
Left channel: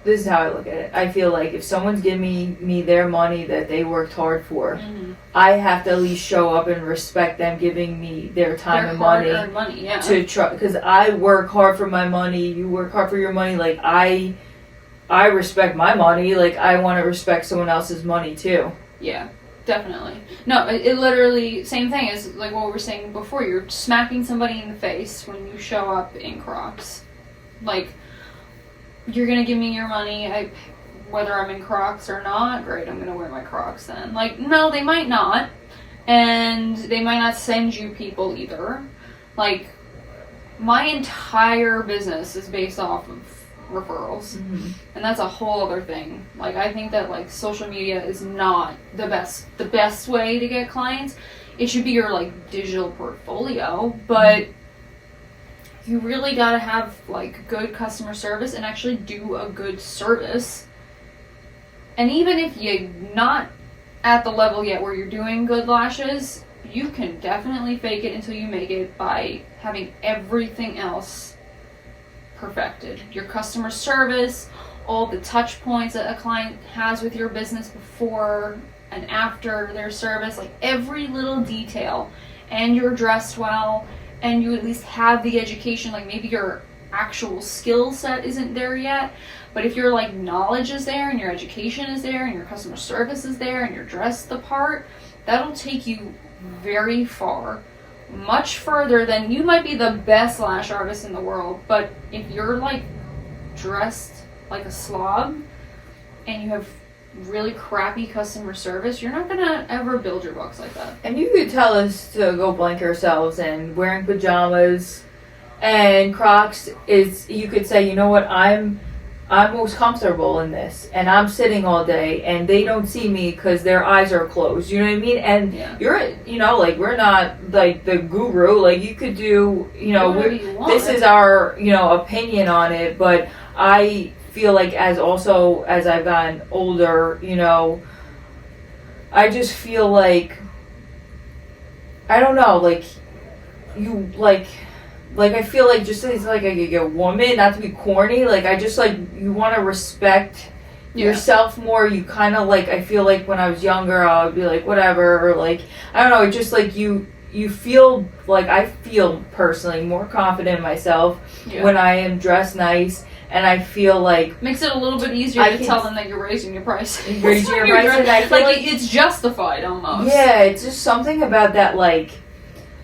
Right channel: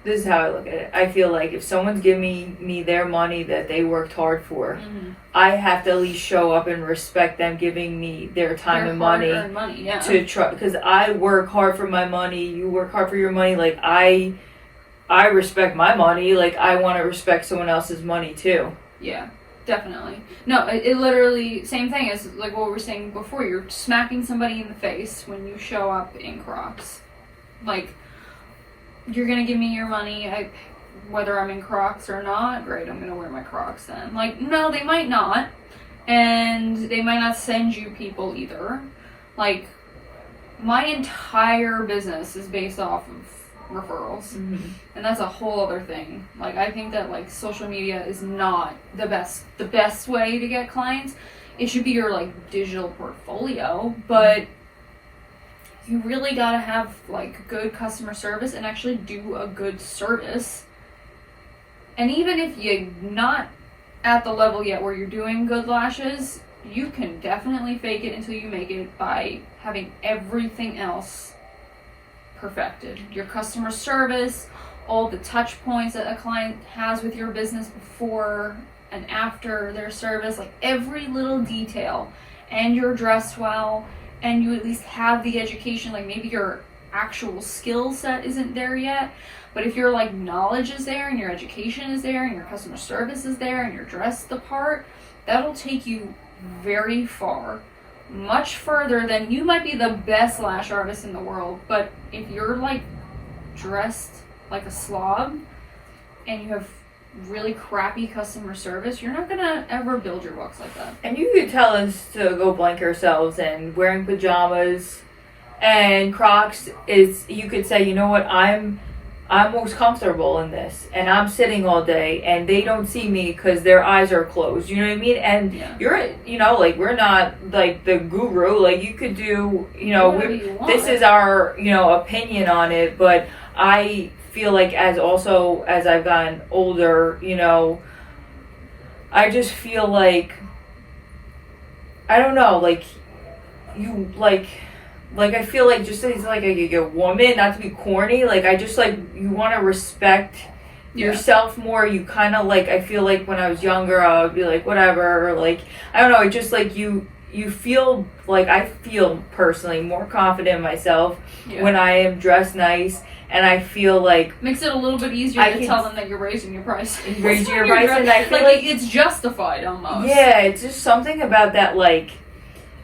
this is how I look at it. I feel like if someone's giving me their money that they worked hard for, I have to at least show up and respect them giving me their time and money to try, because I work hard for my money. You work hard for your money. Like, I respect my money. Like, I want to respect someone else's money too. Yeah, definitely. No, it literally, same thing as like what we were saying before. You're smacking somebody in the face when you show up in Crocs. Like, you're gonna give me your money, whether I'm in Crocs or not. Great, I'm gonna wear my Crocs then. Like, no, they might not, and they might not send you people either. Like, my entire business is based off of referrals, and that's a whole other thing. Like, I think that, like, social media is not the best way to get clients. It should be your, like, digital portfolio, but you really gotta have, like, good customer service and actually do a good service. And even if you're not at the level yet where you're doing good lashes, you can definitely fake it until you make it by having everything else perfected. Your customer service, all the touch points that a client has with your business before and after their service, like every little detail, and you're dressed well, and you at least have the education. Like, maybe your actual skill set isn't there yet, but if your, like, knowledge is there and your education is there and your customer service is there and you're dressed the part, that'll take you very far. Much further than you might be the best lash artist in the world, but if you're, like, dressed like a slob and you have really crappy customer service, you're not gonna ever build your books like that. And you could tell us to go blank ourselves and wearing pajamas and Crocs is, you could say, you know what, I'm most comfortable in this, and I'm sitting all day, and they don't see me because their eyes are closed. You know what I mean? And you're, like, we're not like the guru. Like, you could do, this is our, opinion on it. But I feel like as I've gotten older, I just feel like, I don't know, like, you like. Like, I feel like just as, like, a woman, not to be corny, like, I just, like, you want to respect yourself more. You kind of, like, I feel like when I was younger, I would be like, whatever, or, like, I don't know, it just, like, you feel, like, I feel personally more confident in myself when I am dressed nice, and I feel like... Makes it a little bit easier to tell them that you're raising your price. Raising your price, and I feel like... It's justified, almost. Yeah, it's just something about that, like...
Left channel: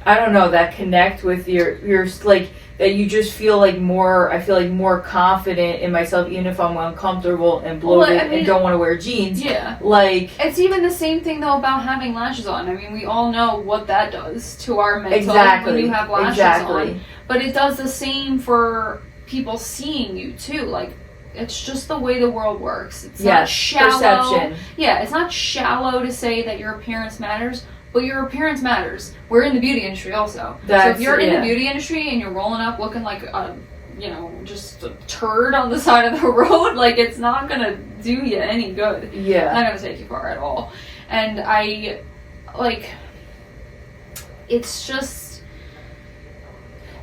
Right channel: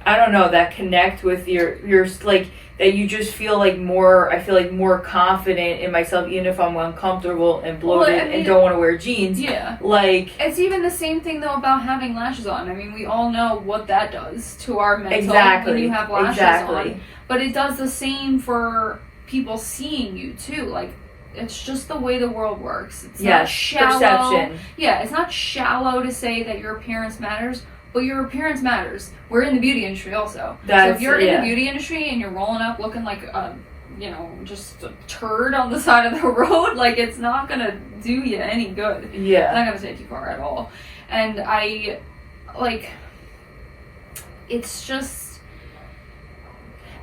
I don't know, that connect with your like, that you just feel like more, I feel like more confident in myself, even if I'm uncomfortable and bloated and don't want to wear jeans. Yeah. Like, it's even the same thing, though, about having lashes on. I mean, we all know what that does to our mental when you have lashes on. But it does the same for people seeing you, too. Like, it's just the way the world works. It's not shallow. Perception. Yeah, it's not shallow to say that your appearance matters. But your appearance matters. We're in the beauty industry also. So if you're in the beauty industry and you're rolling up looking like a, just a turd on the side of the road, like, it's not going to do you any good. Yeah. It's not going to take you far at all. And it's just...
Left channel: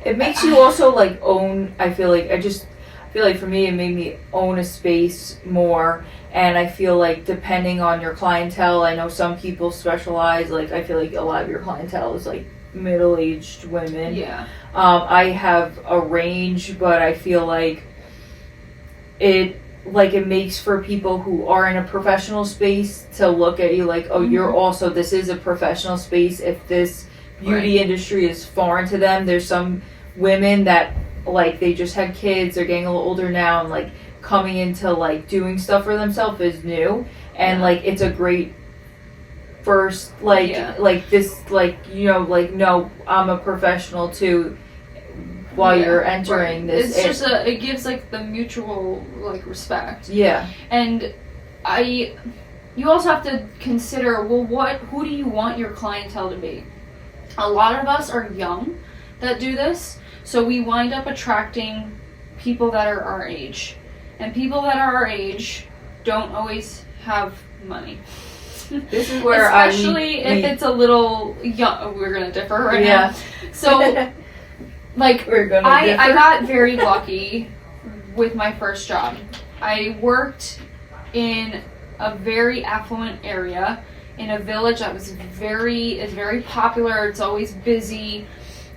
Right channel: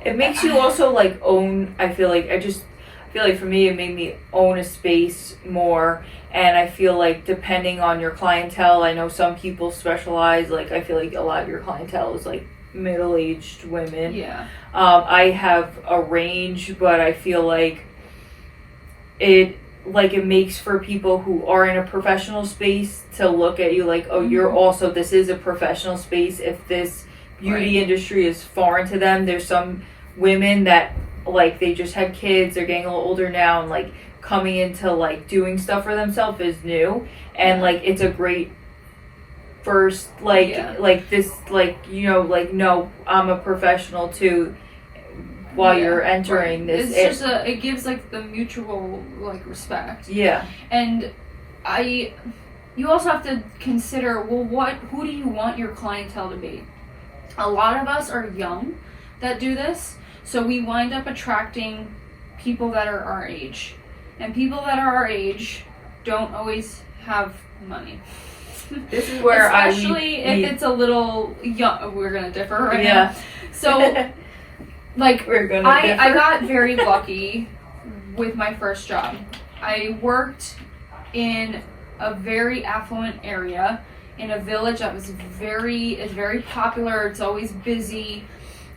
It makes you also, like, own, I feel like, feel like for me, it made me own a space more. And I feel like depending on your clientele, I know some people specialize, like I feel like a lot of your clientele is like middle-aged women. Yeah. I have a range, but I feel like it makes for people who are in a professional space to look at you like, oh, you're also, this is a professional space. If this beauty industry is foreign to them, there's some women that like they just had kids, they're getting a little older now, and like coming into like doing stuff for themselves is new, and like it's a great first like this, like, you know, like, no, I'm a professional too while you're entering this. It's just it gives like the mutual like respect. Yeah. And you also have to consider, well, who do you want your clientele to be? A lot of us are young that do this, so we wind up attracting people that are our age. And people that are our age don't always have money. This is where especially if it's a little young. We're gonna differ right now. So, like, I got very lucky with my first job. I worked in a very affluent area in a village that is very popular. It's always busy,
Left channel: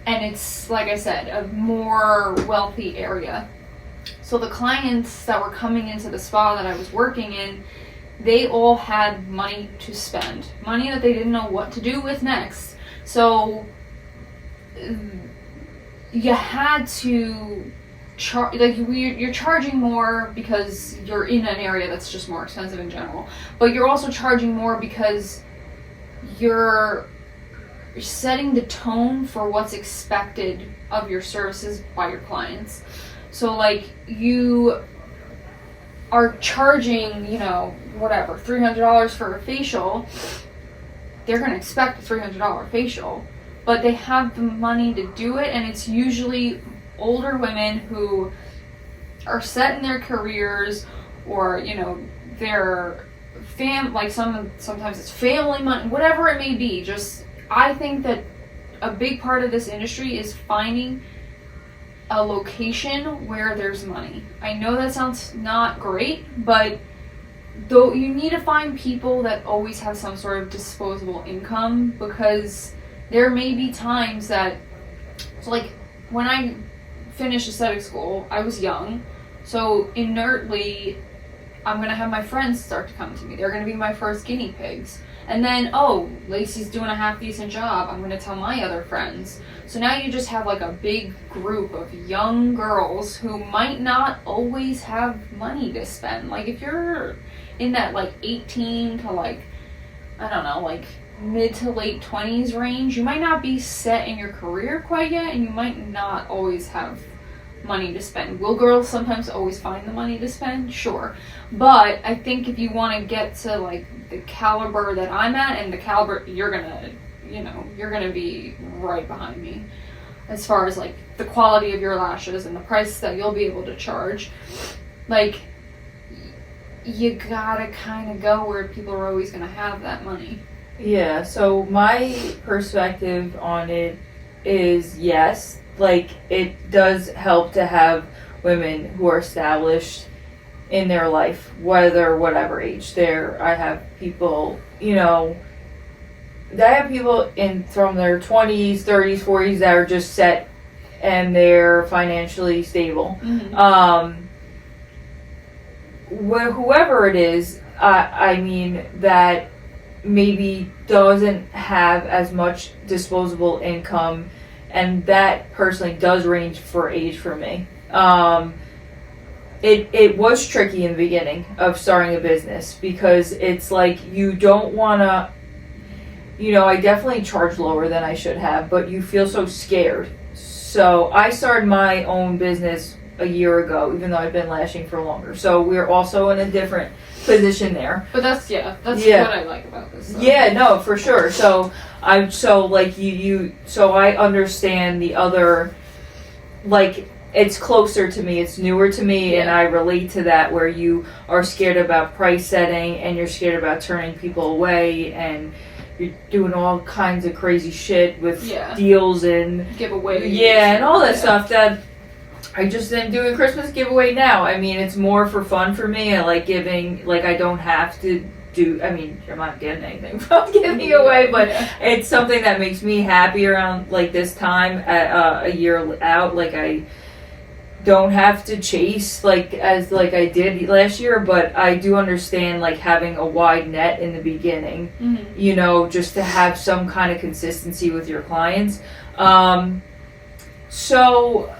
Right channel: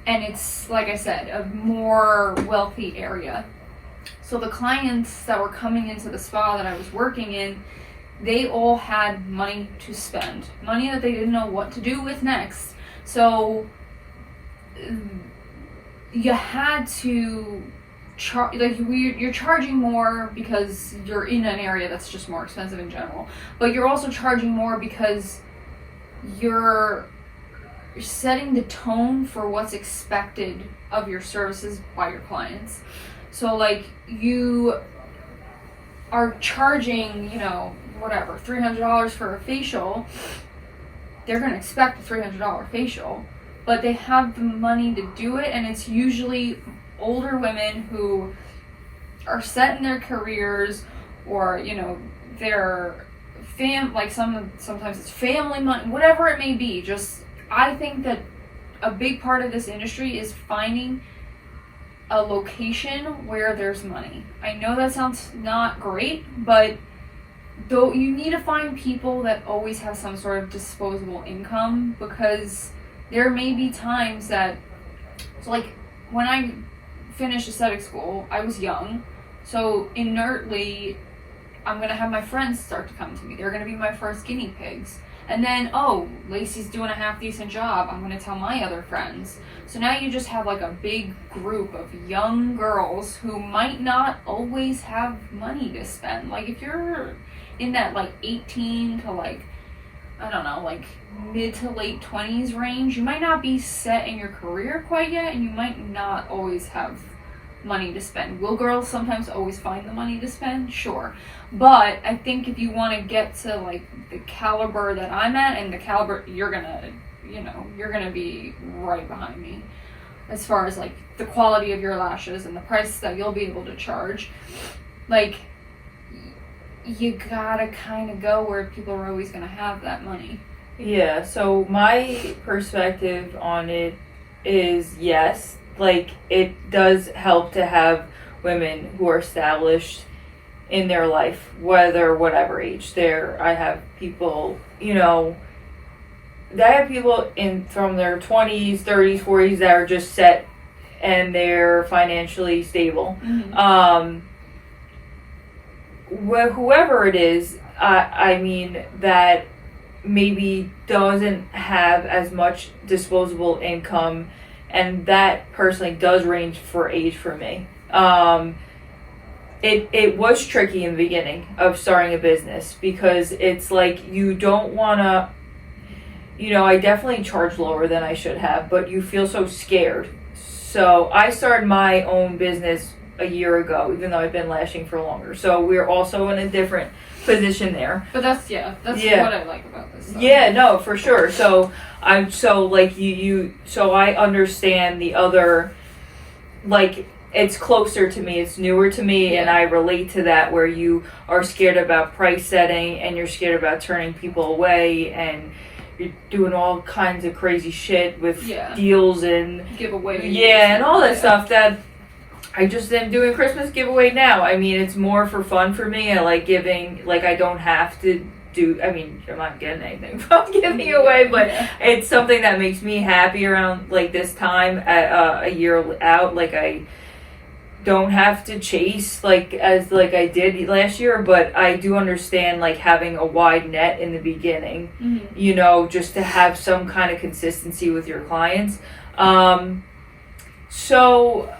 and it's, like I said, a more wealthy area. So the clients that were coming into the spa that I was working in, they all had money to spend, money that they didn't know what to do with next. So you had to charge, like, you're charging more because you're in an area that's just more expensive in general, but you're also charging more because you're setting the tone for what's expected of your services by your clients. So, like, you are charging, you know, whatever, $300 for a facial. They're going to expect a $300 facial, but they have the money to do it, and it's usually older women who are set in their careers, or, you know, their sometimes it's family money, whatever it may be. Just, I think that a big part of this industry is finding a location where there's money. I know that sounds not great, but though you need to find people that always have some sort of disposable income, because there may be times that, so like when I finished aesthetic school, I was young, so inertly I'm gonna have my friends start to come to me. They're gonna be my first guinea pigs. And then, oh, Lacey's doing a half decent job, I'm gonna tell my other friends. So now you just have like a big group of young girls who might not always have money to spend. Like, if you're in that like 18 to like, I don't know, like mid to late 20s range, you might not be set in your career quite yet, and you might not always have money to spend. Will girls sometimes always find the money to spend? Sure. But I think if you want to get to like the caliber that I'm at, and the caliber you're gonna be right behind me as far as like the quality of your lashes and the price that you'll be able to charge. Like, you gotta kind of go where people are always gonna have that money. Yeah, so my perspective on it is, yes, like, it does help to have women who are established in their life, whatever age. I have people, you know, I have people from their 20s, 30s, 40s that are just set and they're financially stable. Mm-hmm. Whoever it is, I mean, that maybe doesn't have as much disposable income, and that personally does range for age for me. It was tricky in the beginning of starting a business, because it's like, you don't want to, you know, I definitely charge lower than I should have, but you feel so scared. So I started my own business a year ago, even though I've been lashing for longer. So we're also in a different position there. But that's what I like about this. Yeah, no, for sure. So I understand the other, like, it's closer to me, it's newer to me, and I relate to that, where you are scared about price setting, and you're scared about turning people away, and you're doing all kinds of crazy shit with deals and giveaways. Yeah, and all that stuff that I just am doing Christmas giveaway now. I mean, it's more for fun for me. I like giving, like, I don't have to do, I mean, I'm not getting anything from giving away, but it's something that makes me happy around, like, this time at, a year out. Like, I don't have to chase, like, as, like, I did last year, but I do understand, like, having a wide net in the beginning, you know, just to have some kind of consistency with your clients. So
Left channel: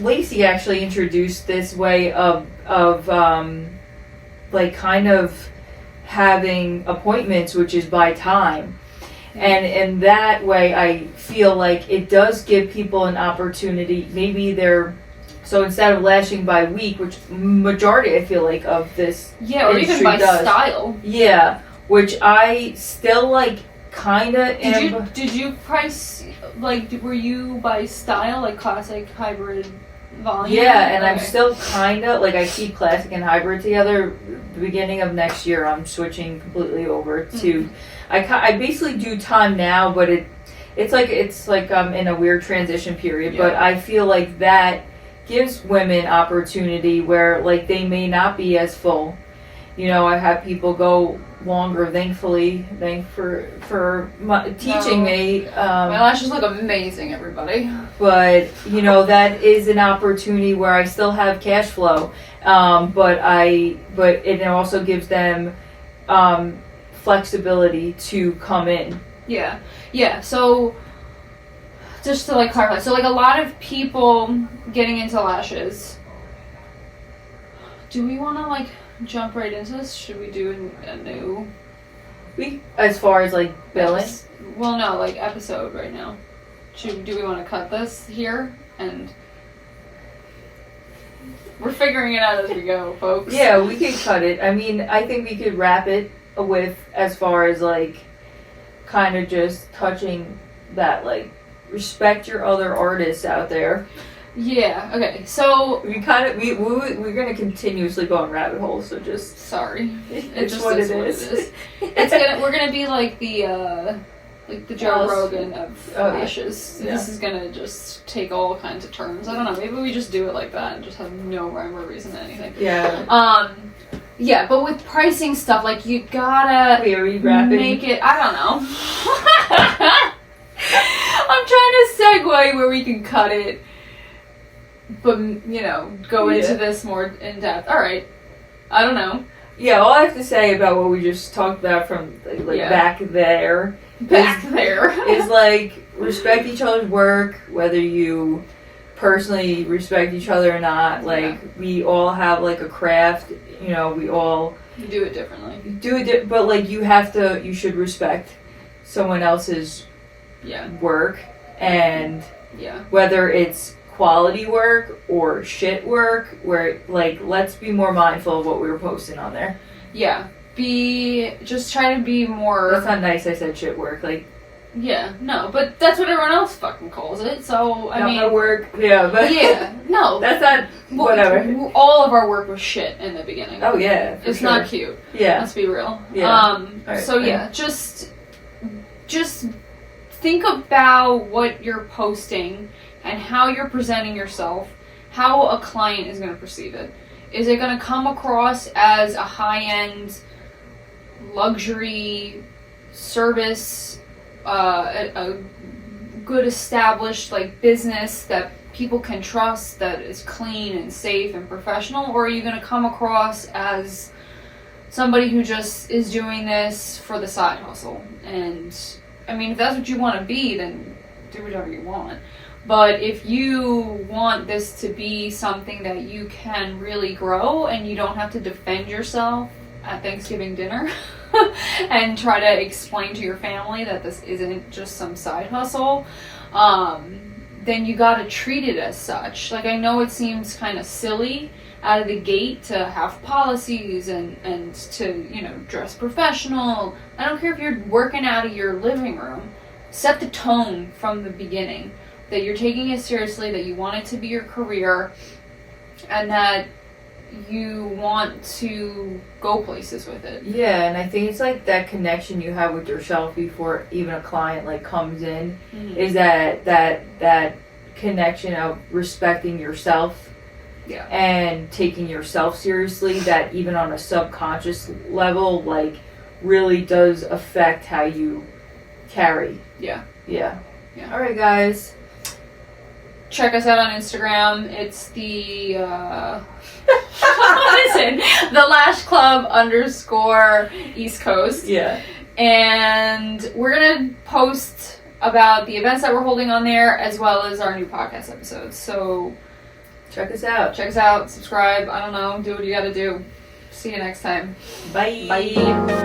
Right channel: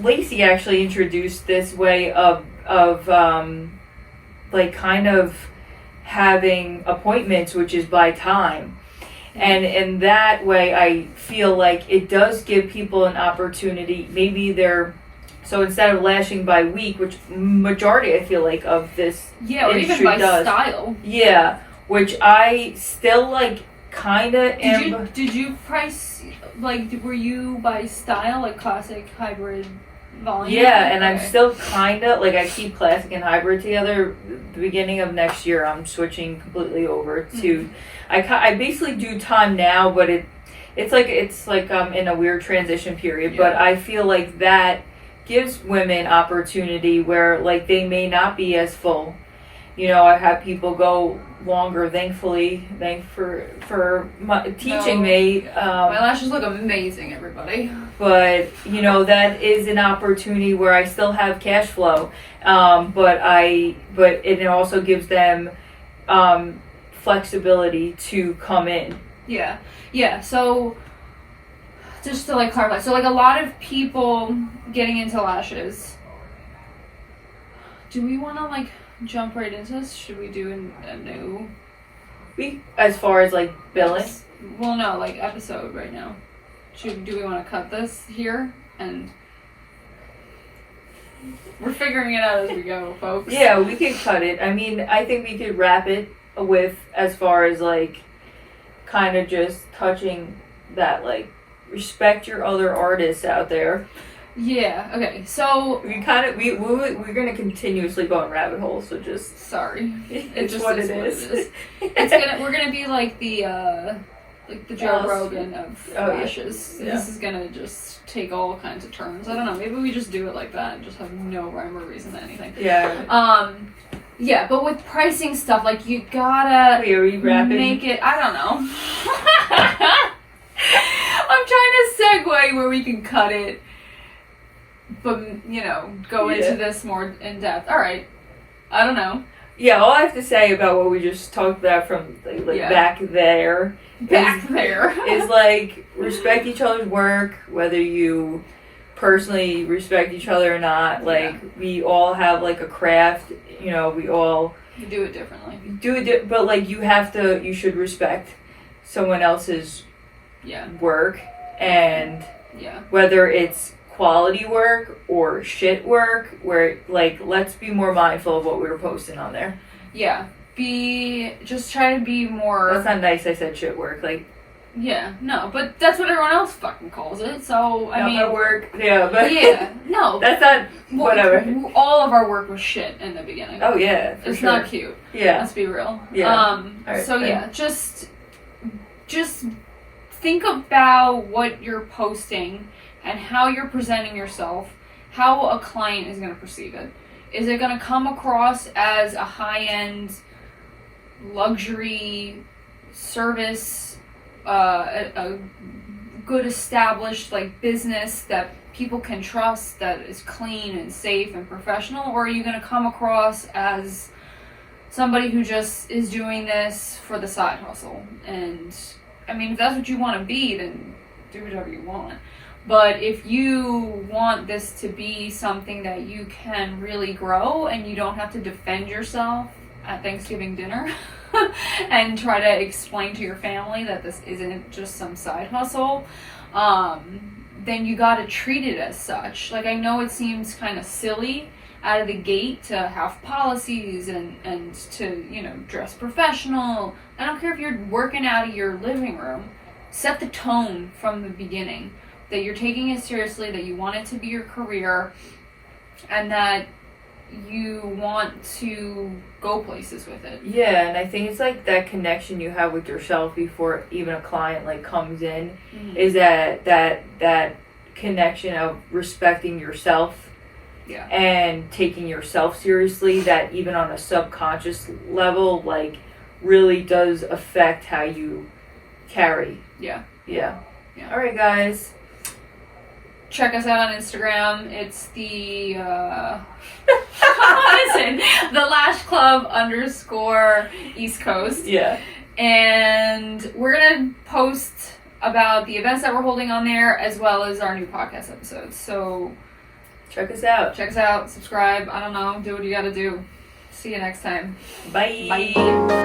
Lacey actually introduced this way of like kind of having appointments, which is by time. And in that way, I feel like it does give people an opportunity. Maybe so instead of lashing by week, which majority I feel like of this or even by style. Yeah, which I still like kind of am. Did you price, like, were you by style, like classic, hybrid, volume? Yeah, and I'm still kind of, like, I keep classic and hybrid together. The beginning of next year, I'm switching completely over to, I basically do time now, but it's like I'm in a weird transition period, but I feel like that gives women opportunity where, like, they may not be as full. You know, I have people go longer, thankfully. Thanks for teaching me. My lashes look amazing, everybody. But, you know, that is an opportunity where I still have cash flow. But it also gives them flexibility to come in. Yeah. So, just to, like, clarify. So, like, a lot of people getting into lashes. Do we want to, like, jump right into this? Should we do a new... As far as, like, billing? Well, no, like, episode right now. Do we want to cut this here? And we're figuring it out as we go, folks. Yeah, we could cut it. I mean, I think we could wrap it with, as far as, like, kind of just touching that, like, respect your other artists out there. Yeah, okay, so... We're going to continuously go on rabbit holes, so just... Sorry. It's just what it is. We're going to be like the Joe Rogan of lashes. Yeah. This is going to just take all kinds of turns. I don't know, maybe we just do it like that and just have no rhyme or reason to anything. Yeah. Yeah, but with pricing stuff, like, you gotta... Wait, are we wrapping? Make it... I don't know. I'm trying to segue where we can cut it. But, you know, go into this more in depth. All right. I don't know. Yeah, all I have to say about what we just talked about from, like back there. Is, like, respect each other's work, whether you personally respect each other or not. Like, we all have, like, a craft. You know, we all... You do it differently. But, like, you should respect someone else's work. And whether it's quality work or shit work, where, like, let's be more mindful of what we were posting on there. Yeah. Just try to be more... That's not nice, I said shit work, like... Yeah, no, but that's what everyone else fucking calls it, so, I mean... Not work, yeah, but... Yeah, no. That's not... Whatever. All of our work was shit in the beginning. Oh, yeah, It's sure. Not cute. Yeah. Let's be real. Yeah. Just think about what you're posting and how you're presenting yourself, how a client is going to perceive it. Is it going to come across as a high-end luxury service, a good established, like, business that people can trust, that is clean and safe and professional, or are you going to come across as somebody who just is doing this for the side hustle? And I mean, if that's what you want to be, then do whatever you want. But if you want this to be something that you can really grow and you don't have to defend yourself at Thanksgiving dinner and try to explain to your family that this isn't just some side hustle, then you gotta treat it as such. Like, I know it seems kind of silly out of the gate to have policies and to, you know, dress professional. I don't care if you're working out of your living room. Set the tone from the beginning that you're taking it seriously, that you want it to be your career, and that you want to go places with it. Yeah, and I think it's like that connection you have with yourself before even a client, like, comes in, is that connection of respecting yourself Yeah. and taking yourself seriously, that even on a subconscious level, like, really does affect how you carry. Yeah. Yeah. Yeah. All right, guys. Check us out on Instagram. It's the what is it? The Lash Club _ East Coast. Yeah. And we're gonna post about the events that we're holding on there, as well as our new podcast episodes. So Check us out. check us out, subscribe, I don't know, do what you gotta do. See you next time. Bye. Bye.